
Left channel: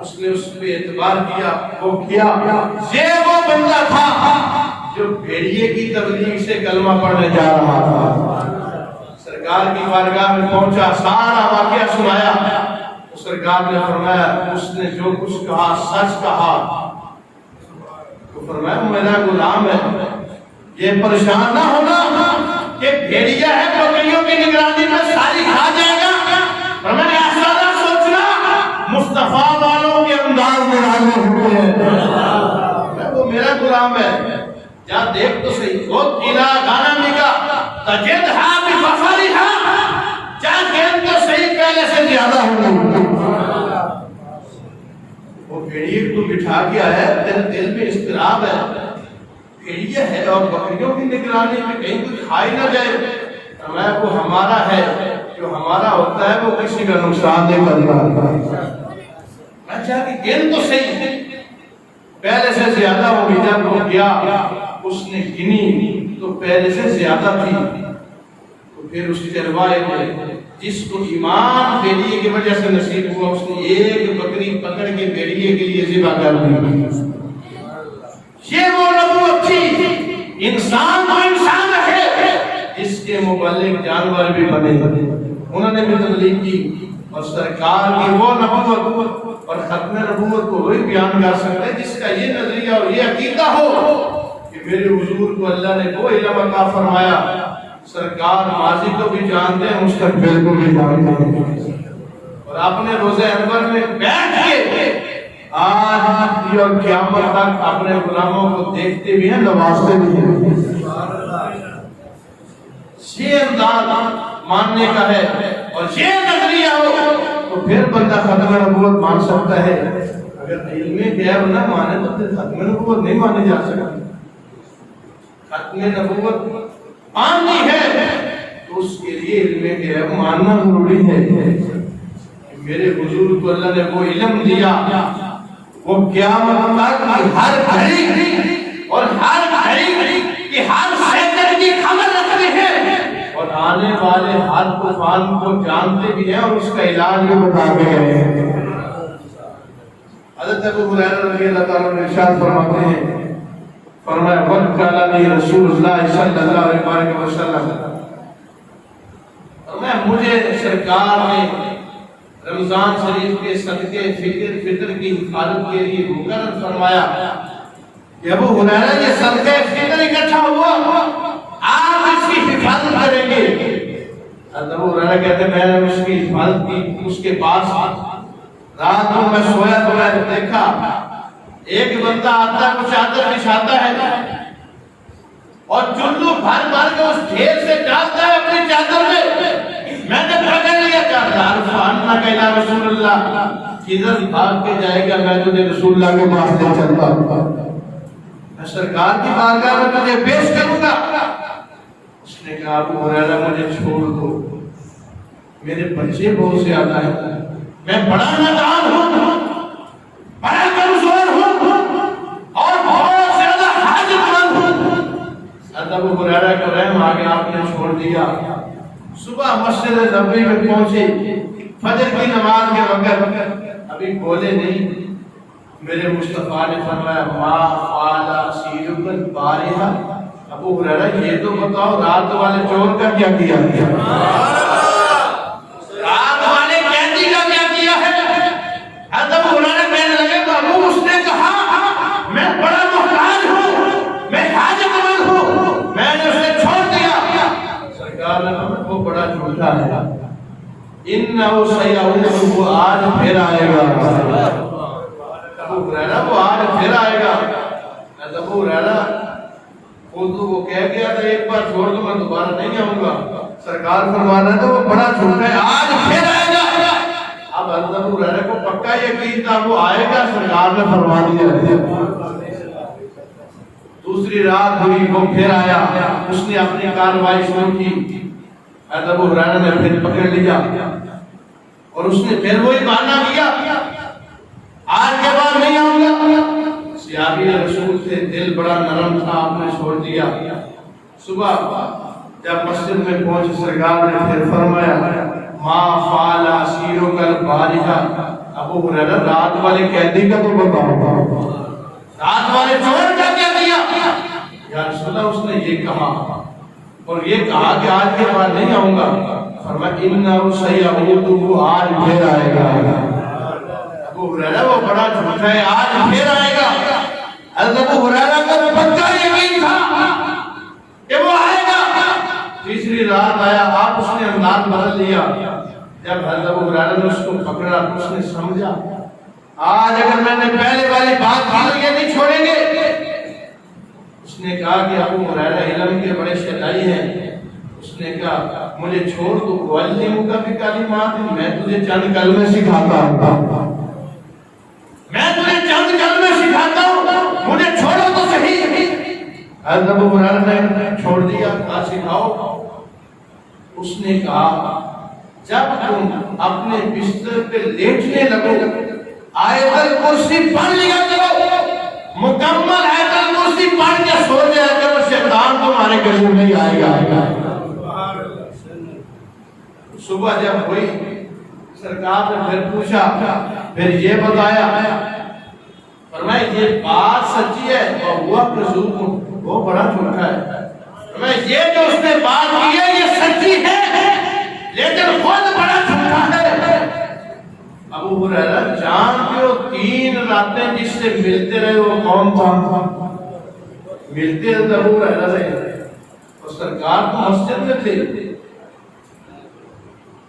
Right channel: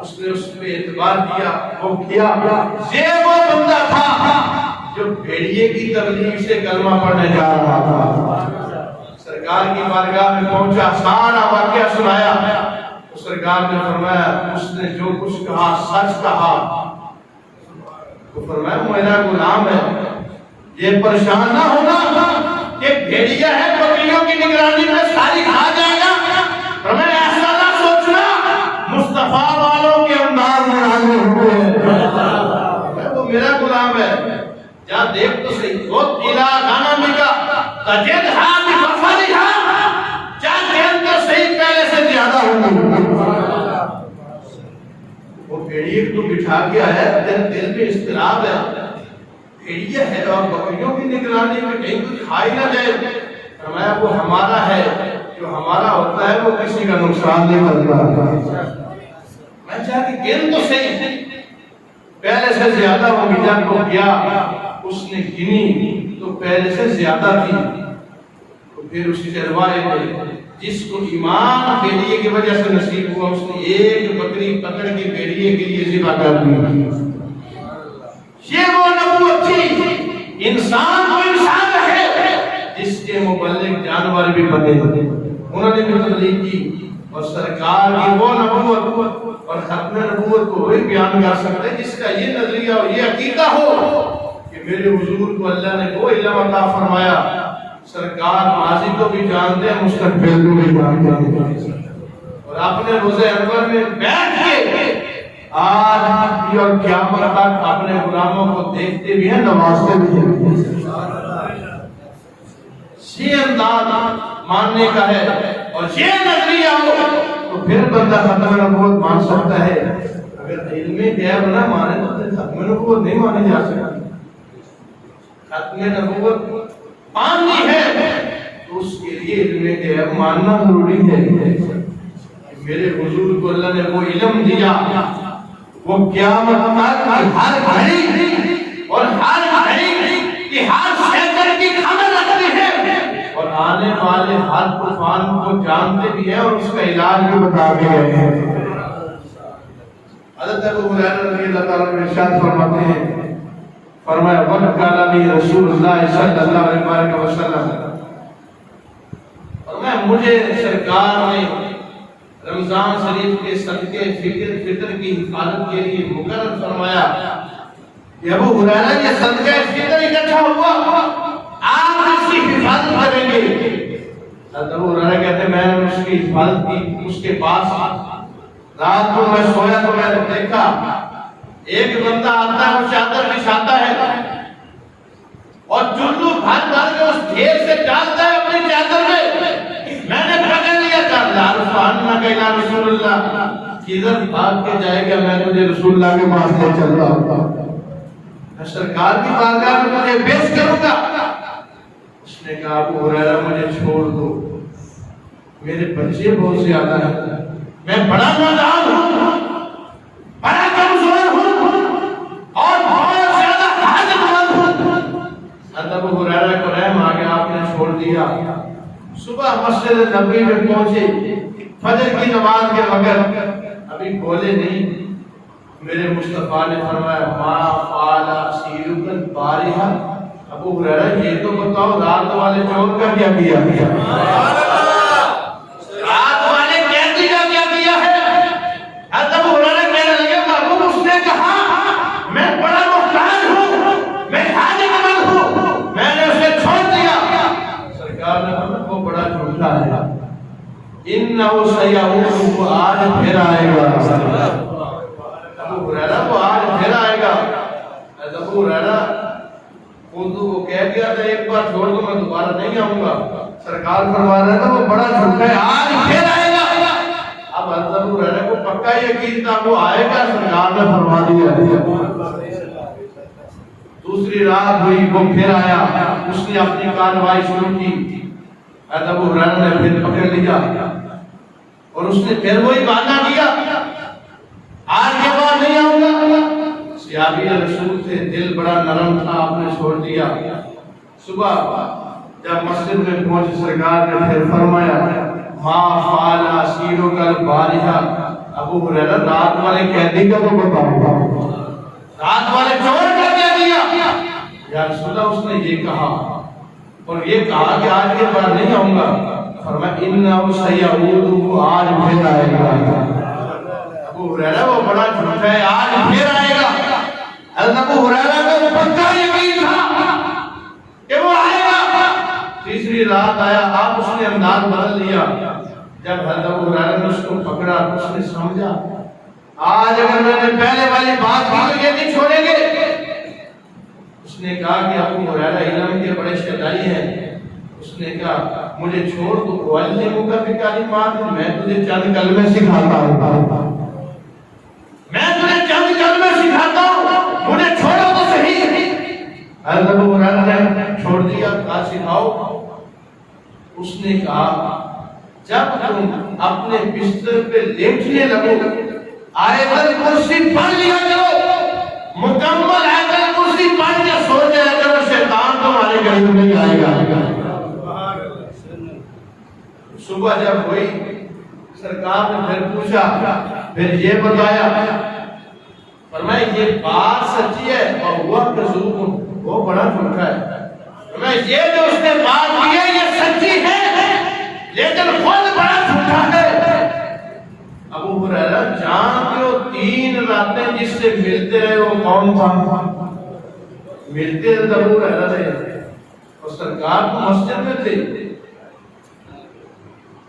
اس نے اس پہ اعتبار کیا، وہ کیا، یہ وہ بندہ تھا جو بھیڑیے کی تبلیغ سے کلمہ پڑھنے جا رہا تھا۔ سرکار کی بارگاہ میں پہنچا، سارا واقعہ سنایا. تو سرکار نے فرمایا اس نے جو کچھ کہا سچ کہا. تو فرمایا میرا غلام ہے، یہ پریشان نہ ہونا کہ بھیڑیا ہے بکریوں کی نگرانی میں ساری کھا جائے گا. فرمایا ایسا نہ سوچنا، مصطفیٰ والوں کے انداز میں نازل ہوئے ہیں، وہ میرا غلام ہے. جا دیکھ تو صحیح، وہ قلعہ غنمی کا تجدھا بفضلھا، جا دیکھ تو صحیح پہلے سے زیادہ ہوگی. وہ بھیڑیے کو بٹھا کے آیا، دل میں اضطراب ہے، بھیڑیا ہے اور بکریوں کی نگرانی میں کہیں کچھ کھائی نہ جائے. فرمایا وہ ہمارا ہے، جو ہمارا ہوتا ہے وہ کسی کا نقصان نہیں کرتا. میں چاہ کہ گن تو صحیح، پہلے سے زیادہ ہوگی. جب وہ گیا اس نے گنی تو پہلے سے زیادہ تھی. تو پھر اس کی روایت ہے جس کو ایمان بھیڑیے کی وجہ سے نصیب ہوا، اس نے ایک بکری پکڑ کے بھیڑیے کے لیے ذبح کر دی. یہ وہ نبوت تھی، انسان کو انسان رکھے، جس کے مبلغ جانور بھی بنے. انہوں نے بھی تبلیغ کی. اور سرکار کی وہ نبوت اور ختم نبوت کو وہی بیان کر سکتا ہے جس کا یہ نظریہ اور یہ عقیدہ ہو کہ میرے حضور کو اللہ نے وہ علم عطا فرمایا. سرکار ماضی کو بھی جانتے ہیں، مستقبل کو بھی جانتے ہیں، اور اپنے روزہ انور میں بیٹھ کے آج اور قیامت تک اپنے غلاموں کو دیکھتے بھی ہیں، نوازتے بھی ہیں. یہ انداز ماننے کا ہے اور یہ نظریہ ہو تو پھر بندہ ختم نبوت مان سکتا ہے. اگر علم غیب نہ مانے تو پھر ختم نبوت نہیں مانی جا سکتی. ختم نبوت ماننی ہے تو اس کے لیے علم غیب ماننا ضروری ہے. میرے حضور کو اللہ نے وہ علم دیا، وہ قیامت تک ہر گھڑی اور ہر گھڑی کی ہر سیکنڈ کی خبر رکھتی ہے، اور آنے والے ہر طوفان کو جانتے بھی ہیں اور اس کا علاج بھی بتا گئے ہیں. حضرت ابو ہریرہ رضی اللہ تعالیٰ عنہ ارشاد فرماتے ہیں، فرمایا وَقَالَ لِي رسول اللہ صلی اللہ علیہ وسلم، فرمایا مجھے سرکار نے رمضان شریف کے صدقے فطر کی حفاظت کے لیے مقرر فرمایا کہ ابو ہریرہ یہ صدقہ فطر اکٹھا ہوا، آپ اس کی حفاظت کریں گے. ابو ہریرہ کہتے ہیں میں نے اس کی حفاظت کی. اس کے پاس رات کو میں سویا تو میں نے دیکھا ایک بندہ آتا ہے، وہ چادر بچھاتا ہے اور چلو بھر بھر کے اس ڈھیر سے ڈالتا ہے اپنی چادر میں. میں نے پکڑ لیا چادر، عرفانہ کا الہ رسول اللہ، کدھر بھاگ کے جائے گا، میں تجھے رسول اللہ کے پاس لے چلتا ہوں، میں سرکار کی بارگاہ میں تجھے پیش کروں گا. اس نے کہا ابو ہریرہ مجھے چھوڑ دو، میرے بچے بہت زیادہ ہیں، میں بڑا نادان ہوں، بڑا کمزور ہوں اور بہت زیادہ حاجت مند ہوں. ابو ہریرہ کو رحم آ گیا، آپ نے چھوڑ دیا. صبح مسجد نبوی میں پہنچے، فجر کی نماز کے وقت ابھی بولے نہیں، میرے مصطفیٰ نے فرمایا ما فعل اسیرک البارحہ. ابو ہریرہ یہ تو بتاؤ رات والے چور کا کیا کیا؟ رات والے قیدی کا کیا کیا ہے؟ ابو ہریرہ کہنے لگے محبوب اس نے کہا میں بڑا محتاج ہوں، میں حاجت مند ہوں، میں نے اسے چھوڑ دیا. سرکار نے فرمایا وہ بڑا جھوٹا ہے، انہو سیعود، وہ آج پھر آئے گا. ابو ہریرہ وہ آج پھر آئے گا. ابو ہریرہ وہ کہہ گیا تھا ایک بار چھوڑ دو میں دوبارہ نہیں آؤں گا. سرکار فرما رہا تھا وہ بڑا جھوٹا ہے، آج پھر آئے گا. اب ابو ہریرہ کو پکا یقین تھا وہ آئے گا، سرکار نے فرما دیا. دوسری رات ہوئی، وہ پھر آیا، اس نے اپنی کارروائی شروع کی. ابو ہریرہ نے پھر پکڑ لیا اور اس نے پھر وہی بہانہ کیا، آج کے بعد نہیں آؤں گا. صحابی رسول تھے، دل بڑا نرم تھا، آپ نے چھوڑ دیا. صبح جب مسجد میں پہنچے سرکار نے پھر فرمایا ما فعل اسیرک البارحہ. ابو ہریرہ رات والے قیدی کا تو بتاؤ، رات والے چور کا کیا دیا؟ یا رسول اللہ اس نے یہ کہا اور یہ کہا کہ آج کے بعد نہیں آؤں گا. فرمایا انہو سیعود، آج پھر آئے گا۔ ابو ہریرہ وہ بڑا جھوٹا ہے، آج پھر آئے گا۔ حضرت ابو ہریرہ کا پکا یقین تھا کہ وہ آئے گا۔ تیسری رات آیا، آپ اس نے انداز بدل لیا۔ جب حضرت ابو ہریرہ نے اس کو پکڑا، اس نے سمجھا آج اگر میں نے پہلے والی بات کی تو یہ نہیں چھوڑیں گے۔ اس نے کہا کہ ابو ہریرہ علم کے بڑے شہدائی ہیں۔ اس نے کہا مجھے چھوڑ، تو معلموں کا بھی کلمات، میں تجھے چند کلمے سکھاتا ہوں، میں تجھے چند کلمے سکھاتا ہوں، مجھے چھوڑو تو صحیح۔ حضرت ابو ہریرہ نے چھوڑ دیا، کہا سکھاؤ۔ اس نے کہا جب تم اپنے بستر پہ لیٹنے لگو آیت الکرسی پڑھ لیا کرو، مکمل آیت الکرسی پڑھ کے سو جایا کرو، شیطان تمہارے قریب نہیں آئے گا۔ صبح جب ہوئی، سرکار نے پھر پوچھا، پھر یہ بتایا، فرمایا یہ بات سچی ہے اور ہوا کذوب، وہ بڑا جھوٹا ہے۔ فرمایا یہ جو اس نے بات کی ہے یہ سچی ہے لیکن خود بڑا جھوٹا ہے۔ ابو ہریرہ جانتے ہو 3 راتیں جس سے ملتے رہے وہ کون تھا؟ ملتے ابو ہریرہ سے، اور سرکار تو مسجد میں تھے۔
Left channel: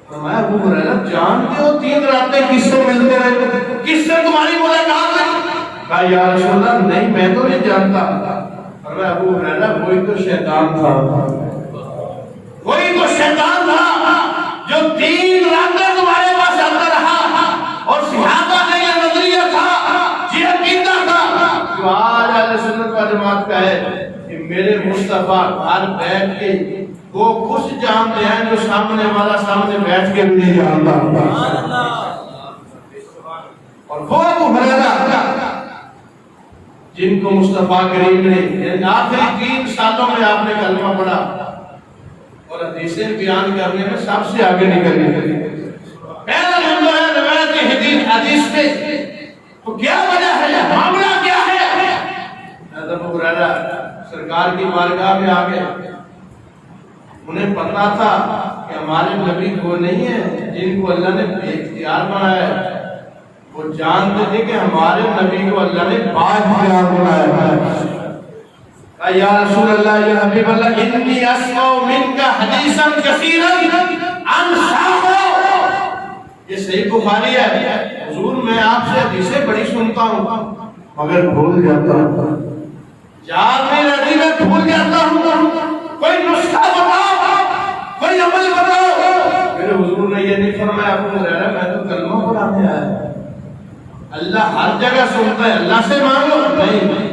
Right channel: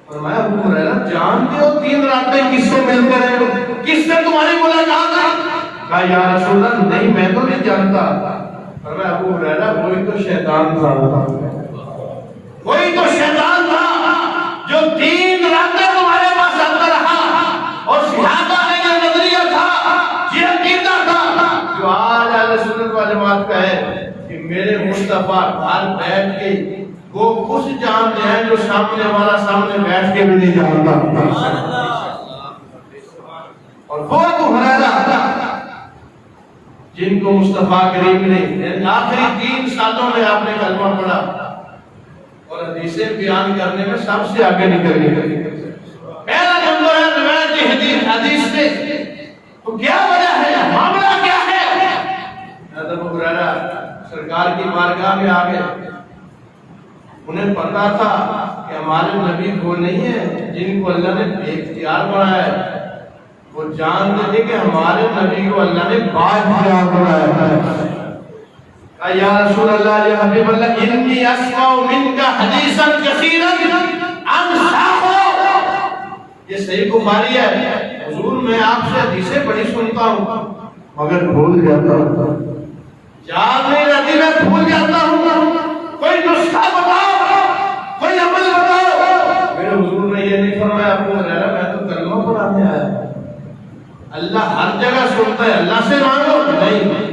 فرمایا ابو ہریرہ جانتے ہو 3 راتیں کس سے ملتے رہے، کس سے تمہاری ملاقات ہوئی؟ کہا یا رسول اللہ نہیں میں تو نہیں جانتا۔ فرمایا ابو ہریرہ وہی تو شیطان تھا، وہی تو شیطان تھا جو 3 راتیں تمہارے پاس آتا رہا، اور صحابہ کا یہ نظریہ تھا، یہ عقیدہ تھا جو آج اہل سنت و جماعت کا ہے کہ میرے مصطفیٰ گھر بیٹھ کے وہ کچھ جانتے ہیں جو سامنے والا سامنے بیٹھ کے بھی نہیں جانتا۔ اور وہ ابو ہریرہ جن کو مصطفیٰ کریم نے آخری 3 سالوں میں آپ نے کلمہ پڑھا اور حدیثیں بیان کرنے میں سب سے آگے نکل گئے۔ پہلا نمبر ہے روایت حدیث میں، تو کیا وجہ ہے، معاملہ کیا ہے؟ حضرت ابو ہریرہ سرکار کی بارگاہ میں آ گئے۔ انہیں پتا تھا کہ ہمارے نبی وہ نہیں ہے جن کو اللہ نے بے اختیار بنایا ہے، وہ جانتے تھے کہ ہمارے نبی کو اللہ نے با اختیار بنایا ہے۔ یا رسول اللہ، یا حبیب اللہ، انی اسمع منک حدیثا کثیرا انساہ۔ یہ صحیح بخاری ہے، حضور میں آپ سے حدیثیں بڑی سنتا ہوں مگر بھول جاتا ہوں، یاد نہیں رہتی، میں بھول جاتا ہوں، کوئی نسخہ بتاؤ، کوئی عمل بتاؤ۔ میرے حضور نے یہ نہیں فرمایا ابو ہریرہ میں تو کلمہ پڑھانے آیا، اللہ ہر جگہ سنتا ہے، اللہ سے مانگو نہیں۔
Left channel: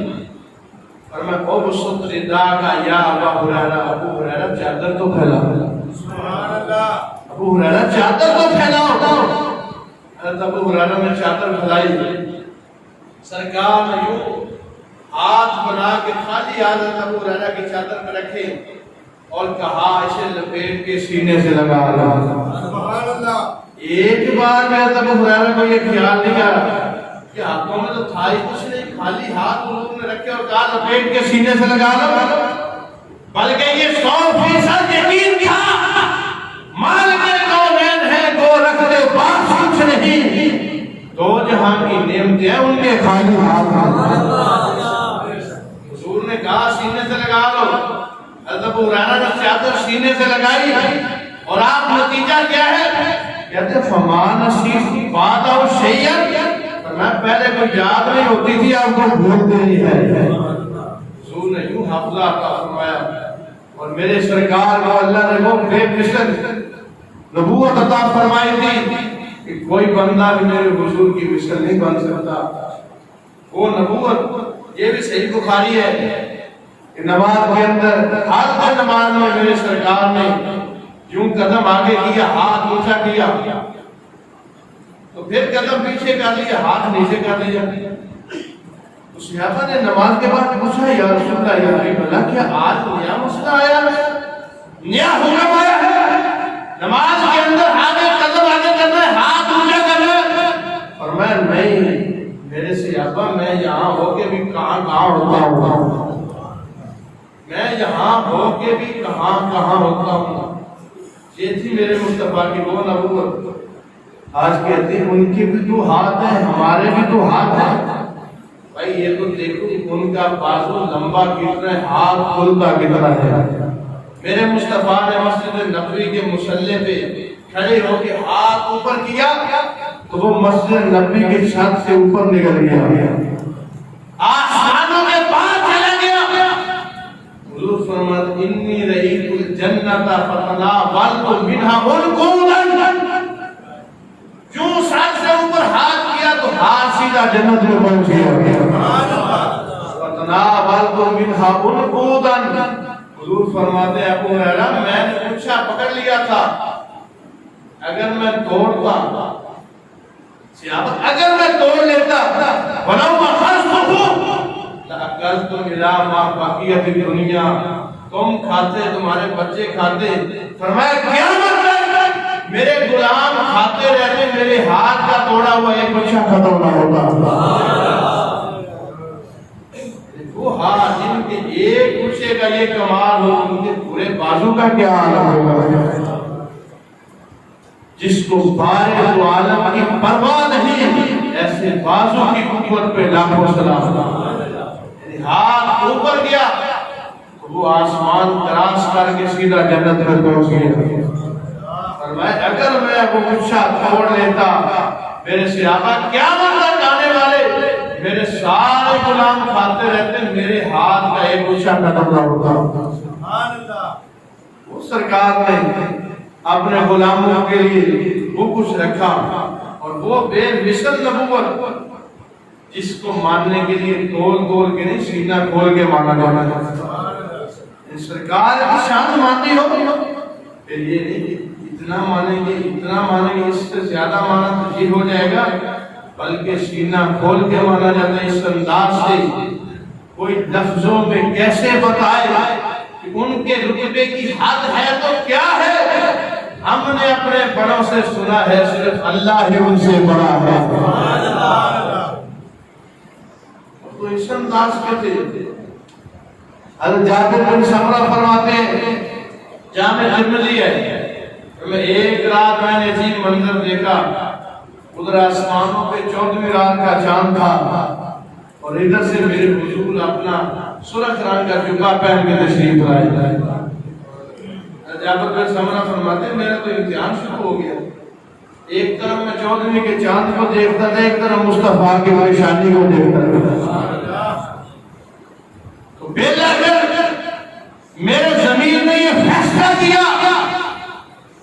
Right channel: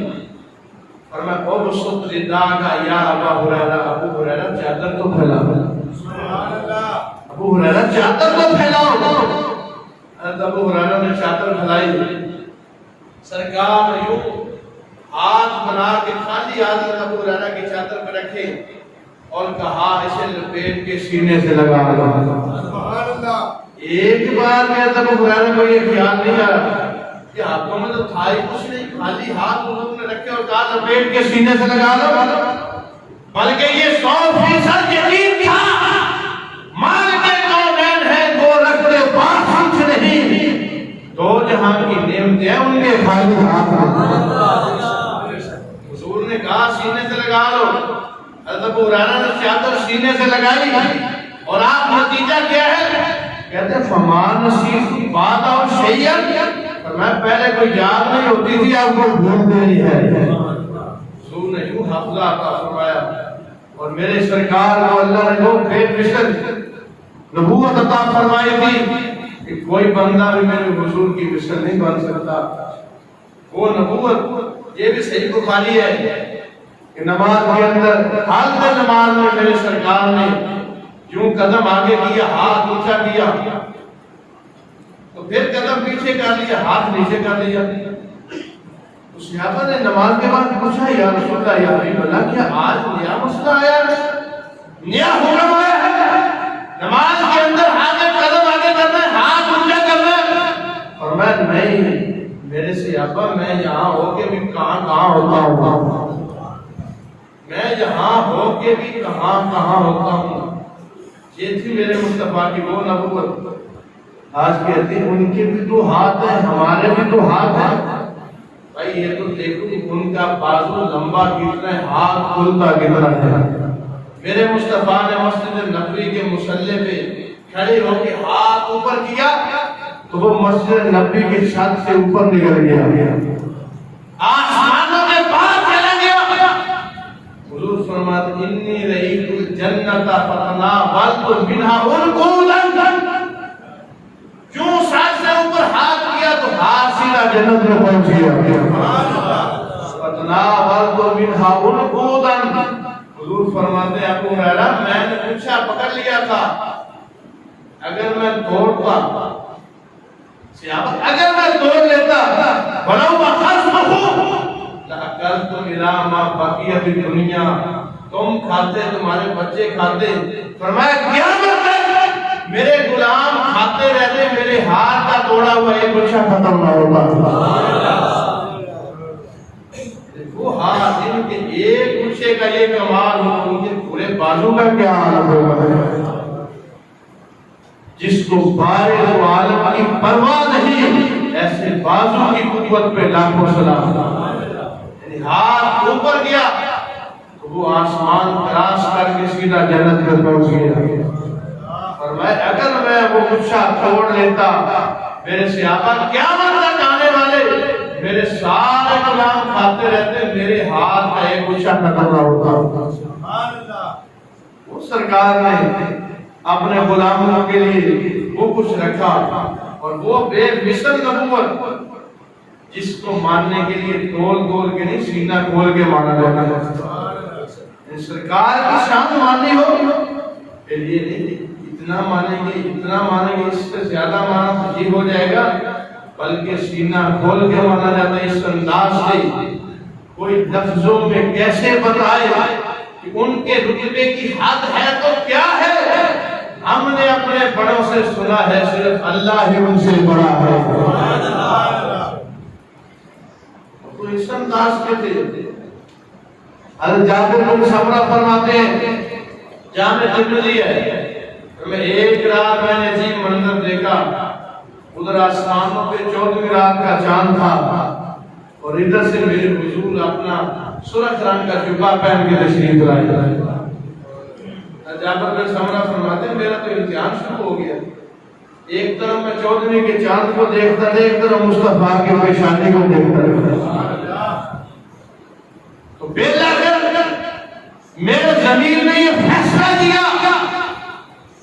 اور میں ابسط رداءک یا ابا ہریرہ، ابو ہریرہ چادر تو پھیلاؤ، سبحان اللہ، ابو ہریرہ چادر تو پھیلاؤ۔ حضرت ابو ہریرہ نے چادر پھیلائی، سرکار نے یوں ہاتھ بنا کے خالی حضرت ابو ہریرہ کی چادر پہ رکھے اور کہا اسے لپیٹ کے سینے سے لگا لو، سبحان اللہ۔ ایک بار میں حضرت ابو ہریرہ کو یہ خیال نہیں آیا کہ ہاتھوں میں تو تھا ہی کچھ نہیں، خالی ہاتھ حضور نے رکھے اور کہا لپیٹ کے سینے سے لگا لو، بلکہ یہ 100% یقین تھا مالک کونین ہے، گو رکھتے پاس کچھ نہیں، 2 جہاں کی نعمتیں ہیں ان کے خالی ہاتھ ہیں۔ حضور نے کہا سینے سے لگا لو، حضرت ابو ہریرہ نے چادر سینے سے لگائی، اور آپ نتیجہ کیا ہے؟ کہتے فما نسیت بعد شیئا، میں پہلے کوئی یاد نہیں ہوتی تھی آپ کو بھول گئی ہے۔ حضور نے یوں حافظہ عطا فرمایا، اور میرے سرکار کو اللہ نے وہ بے مثل نبوت عطا فرمائی تھی کہ کوئی بندہ بھی میرے حضور کی مثل نہیں بن سکتا۔ وہ نبوت یہ بھی صحیح بخاری ہے کہ نماز کے اندر حالت نماز میں میرے سرکار نے یوں قدم آگے کیا، ہاتھ اونچا کیا، تو پھر قدم پیچھے کر لیا، ہاتھ نیچے کر لیا۔ تو صحابہ نے نماز کے بعد پوچھا یا رسول اللہ، یا حبیب اللہ، کیا آج نیا مسئلہ آیا ہے، نیا حکم آیا ہے نماز کے اندر آگے قدم آگے کرنے، ہاتھ اونچا کرنے؟ اور میں نہیں، میرے صحابہ میں یہاں ہو کے بھی کہاں کہاں ہوتا ہوں، میں یہاں ہو کے بھی کہاں کہاں ہوتا ہوں۔ یہ تھی میرے مصطفیٰ کی وہ نبوت. آج کہتے ہیں ان کے بھی تو ہاتھ ہیں ہمارے بھی تو ہاتھ ہیں. بھائی یہ تو دیکھو ان کا بازو لمبا کتنا ہے, ہاتھ کھلتا کتنا ہے. میرے مصطفیٰ نے مسجد نبوی کے مصلی پہ کھڑے ہو کے ہاتھ اوپر کیا تو وہ مسجد نبوی کی چھت سے اوپر نکل گیا, آسمانوں کے پار چلا گیا. حضور فرماتے انی رئیت الجنت فتناولت منہا عنقودا. جو سال سے اوپر ہاتھ کیا تو ہاتھ سیدھا جنت میں پہنچ گیا. فتناولت منہا عنقودا. حضور فرماتے ہیں ابو ہریرہ میں نے پوچھا پکڑ لیا تھا, اگر میں توڑتا اگر میں توڑ لیتا ولو اخذته لاکلت الی ما بقیت الدنیا. تم کھاتے تمہارے بچے کھاتے. فرمایا قیامت میں میرے غلام کھاتے رہتے میرے ہاتھ کا توڑا ہوا ایک بچہ ختم نہ ہوتا. وہ ہاتھ جن کے ایک گچھے کا یہ کمال ہو ان کے پورے بازو کا کیا عالم ہوگا. جس کو بارے و عالم کی پرواہ نہیں ایسے بازو کی قوت پہ لاکھوں سلام. یعنی ہاتھ اوپر گیا تو وہ آسمان کراس کر کے سیدھا جنت میں پہنچ گیا. فرمایا اگر میں وہ گچھا توڑ لیتا میرے صحابہ قیامت تک آنے والے میرے سارے غلام کھاتے رہتے میرے ہاتھ کا ایک گچھا ختم نہ ہوتا. وہ سرکار نے اپنے غلاموں کے لیے وہ کچھ رکھا اور وہ بے مثل نبوت جس کو ماننے کے لیے تول کے نہیں سینہ کھول کے مانا جانا ہے. سرکار کی شان ماننی ہو پھر یہ نہیں اتنا مانیں گے اس سے زیادہ مانا تو یہ ہو جائے گا, بلکہ سینہ کھول کے مانا جاتا ہے. اس انداز سے کوئی لفظوں میں کیسے بتائے کہ ان کے رتبے کی حد ہے تو کیا ہے. ہم نے اپنے بڑوں سے سنا ہے صرف اللہ ہی ان سے بڑا ہے. تو اس انداز کے تھے. حضرت جابر بن سمرہ فرماتے ہیں جامع ترمذی ہے میں ایک رات میں نے عجیب منظر دیکھا. ادھر آسمانوں پہ 14ویں رات کا چاند تھا اور ادھر سے میرے حضور اپنا سرخ رنگ کا جبہ پہن کے تشریف لائے. جابر بن سمرہ فرماتے ہیں میرا تو امتحان شروع ہو گیا. ایک طرف میں 14ویں کے چاند کو دیکھتا مصطفیٰ کی پیشانی کو دیکھتا. تو میرے ضمیر نے یہ فیصلہ کیا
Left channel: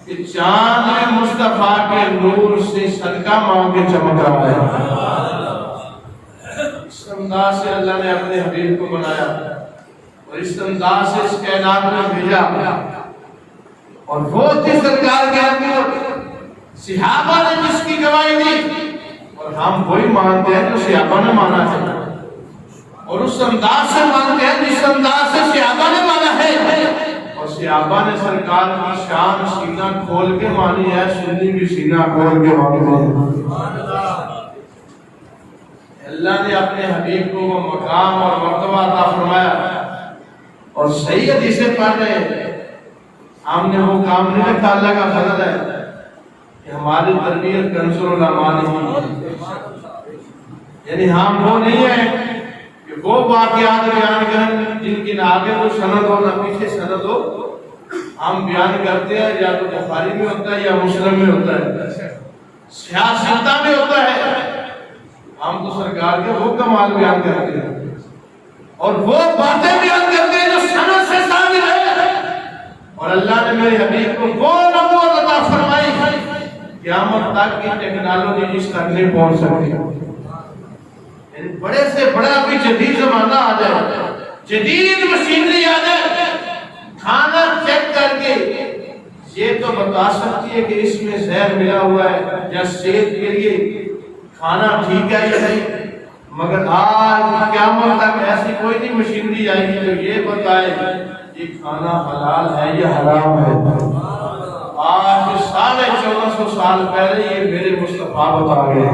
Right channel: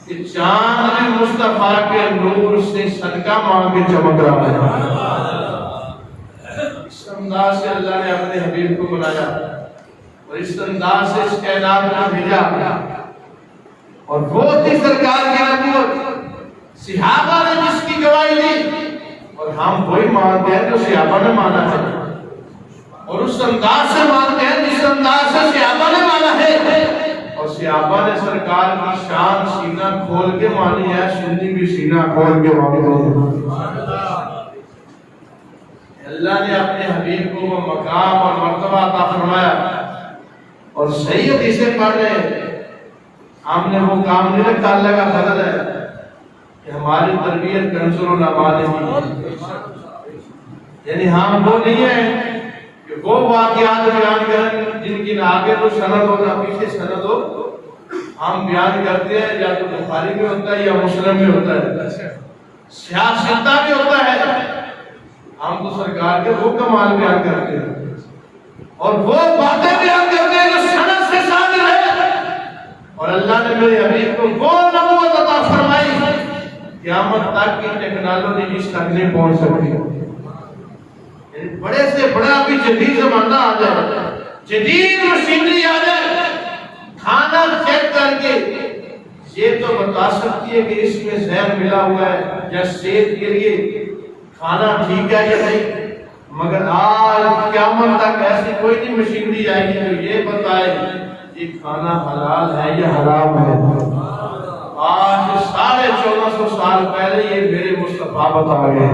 کہ چاند میں مصطفیٰ کے نور سے صدقہ مانگ کے چمک رہا ہے. اس انداز سے اللہ نے اپنے حبیب کو بنایا اور اس انداز سے اس کائنات میں بھیجا. اور وہ تھی سرکار کی نبوت, صحابہ نے جس کی گواہی دی اور ہم وہی مانتے ہیں جو صحابہ نے مانا ہے اور اس انداز سے مانتے ہیں جس انداز سے صحابہ نے مانا ہے. اور صحابہ نے سرکار کی شان سینہ کھول کے مانی ہے, سنی بھی سینہ کھول کے مانی ہے. اللہ نے اپنے حبیب کو وہ مقام اور مرتبہ عطا فرمایا. اور صحیح حدیثیں پڑھ رہے ہیں ہم نے وہ کام نہیں رکھا. اللہ کا فضل ہے کہ ہماری تربیت کنز العلماء نہیں, یعنی ہم وہ نہیں ہیں کہ وہ واقعات بیان کریں جن کی نہ آگے تو سند ہو نہ پیچھے سند ہو. ہم بیان کرتے ہیں یا تو بخاری میں ہوتا ہے یا مسلم میں ہوتا ہے, سیاستہ میں ہوتا ہے. ہم تو سرکار کے وہ کمال بیان کرتے ہیں اور وہ باتیں بیان کرتے ہیں جو سند سے ثابت ہے. اور اللہ نے میرے حبیب کو وہ نبوت عطا فرمائی قیامت تک کی ٹیکنالوجی اس تک نہیں پہنچ سکتی. بڑے سے بڑا بھی جدید زمانہ آ جائے, جدید مشینری آ جائے, کھانا چیک کر کے یہ تو بتا سکتی ہے کہ اس میں زہر ملا ہوا ہے یا صحت کے لیے کھانا ٹھیک ہے یا نہیں. مگر آج قیامت تک ایسی کوئی نہیں مشینری آئے گی جو یہ بتائے یہ کھانا حلال ہے یا حرام ہے. آج 1450 سال پہلے یہ میرے مصطفیٰ بتا گئے.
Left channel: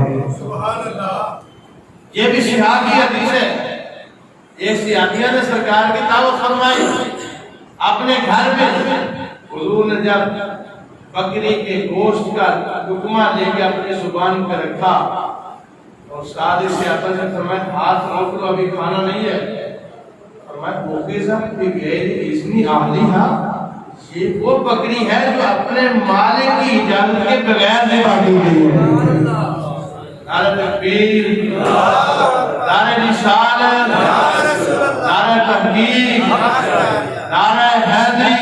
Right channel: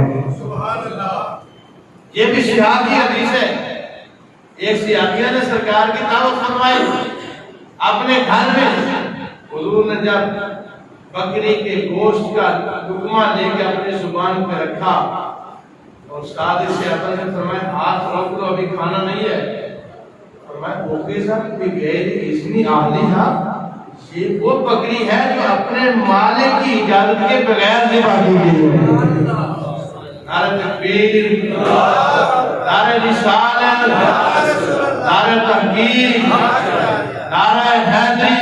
یہ بھی صحابی حدیث ہے. ایک صحابیہ نے سرکار کی دعوت فرمائی اپنے گھر میں. حضور نے جب بکری کے گوشت کا لقمہ لے کے اپنے زبان پہ رکھا اور استاد سے آتا سے فرمایا ہاتھ روک لو ابھی کھانا نہیں ہے. فرمایا اوکیزا بغیر اذن اہلیہا، یہ وہ بکری ہے جو اپنے مالک کی اجازت کے بغیر ذبح کی گئی ہے. نعرہ تکبیر، نعرہ رسالت، نعرہ تحقیق، نعرہ حیدری.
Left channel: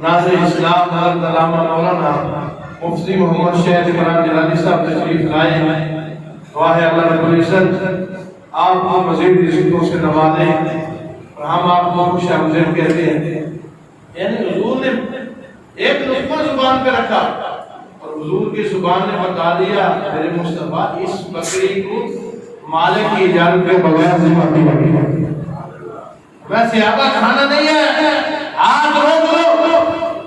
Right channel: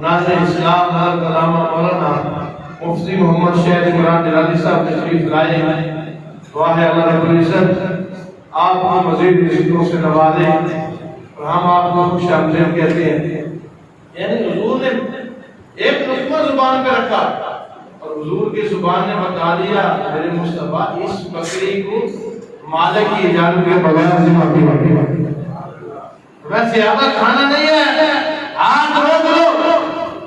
ناظر اسلام حضرت علامہ مولانا مفتی محمد شہید عمران جلالی صاحب تشریف لائے. دعا ہے اللہ رب العزت آپ کو مزید رزقوں سے نوازے اور ہم آپ کو خوش آمدید کہتے ہیں. یعنی حضور نے ایک لقمہ زبان پہ رکھا اور حضور کی زبان نے بتا دیا میرے مصطفیٰ اس بکری کو مالک کی اجازت کے بغیر ذبح کیا. ویسے آپ کا کھانا نہیں ہے، ہاتھ روک لو.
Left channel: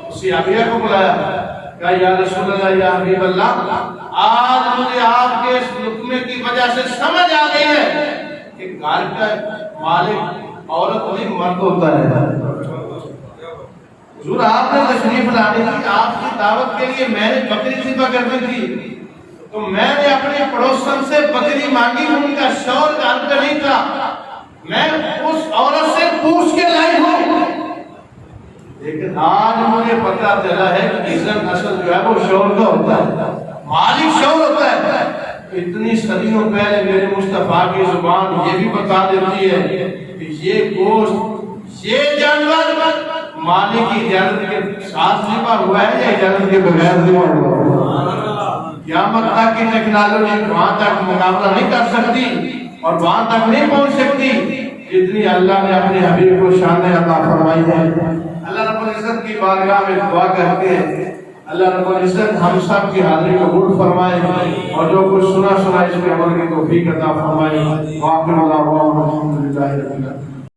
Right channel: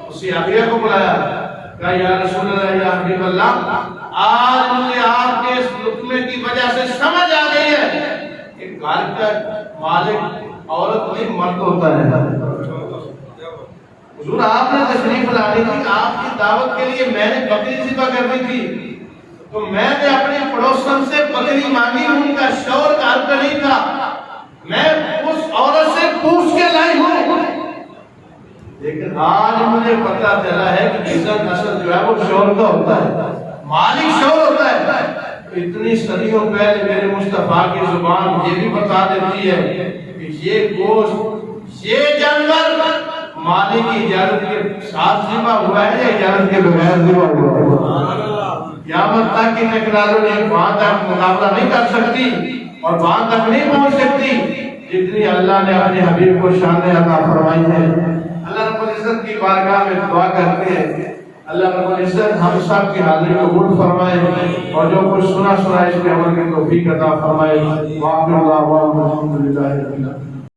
اسی عابیہ کو بلایا، کہا یا رسول اللہ یا حبیب اللہ، آج مجھے آپ کے اس لقمے کی وجہ سے سمجھ آ گئی ہے کہ گھر کا مالک عورت نہیں مرد ہوتا ہے. حضور آپ نے تشریف لانی تھی، آپ کی دعوت کے لیے میں نے بکری ذبح کرنی تھی تو میں نے اپنے پڑوسن سے بکری مانگی، ان کا شوہر گھر پہ نہیں تھا، میں اس عورت سے پوچھ کے لائی ہوں. لیکن آج مجھے پتا چلا ہے کہ عزت اصل جو ہے وہ شوہر کا ہوتا ہے، مالک شوہر ہوتا ہے. اتنی صدیوں پہلے میرے مصطفیٰ کی زبان یہ بھی بتا دیتی ہے کہ یہ گوشت، یہ جانور مالک کی اجازت کے ساتھ ذبح ہوا ہے یا اجازت کے بغیر ذبح ہوا ہے. قیامت تک کی ٹیکنالوجی وہاں تک مقابلہ نہیں کر سکتی اور وہاں تک نہیں پہنچ سکتی جتنی اللہ نے اپنے حبیب کو شان عطا فرمائی ہے. اللہ رب العزت کی بارگاہ میں دعا کرتے ہیں اللہ رب العزت ہم سب کی حاضری کو قبول فرمائے اور جو کچھ سنا اس کے عمل کی توفیق عطا فرمائے. واقع اللہ الحمدللہ رب العالمین.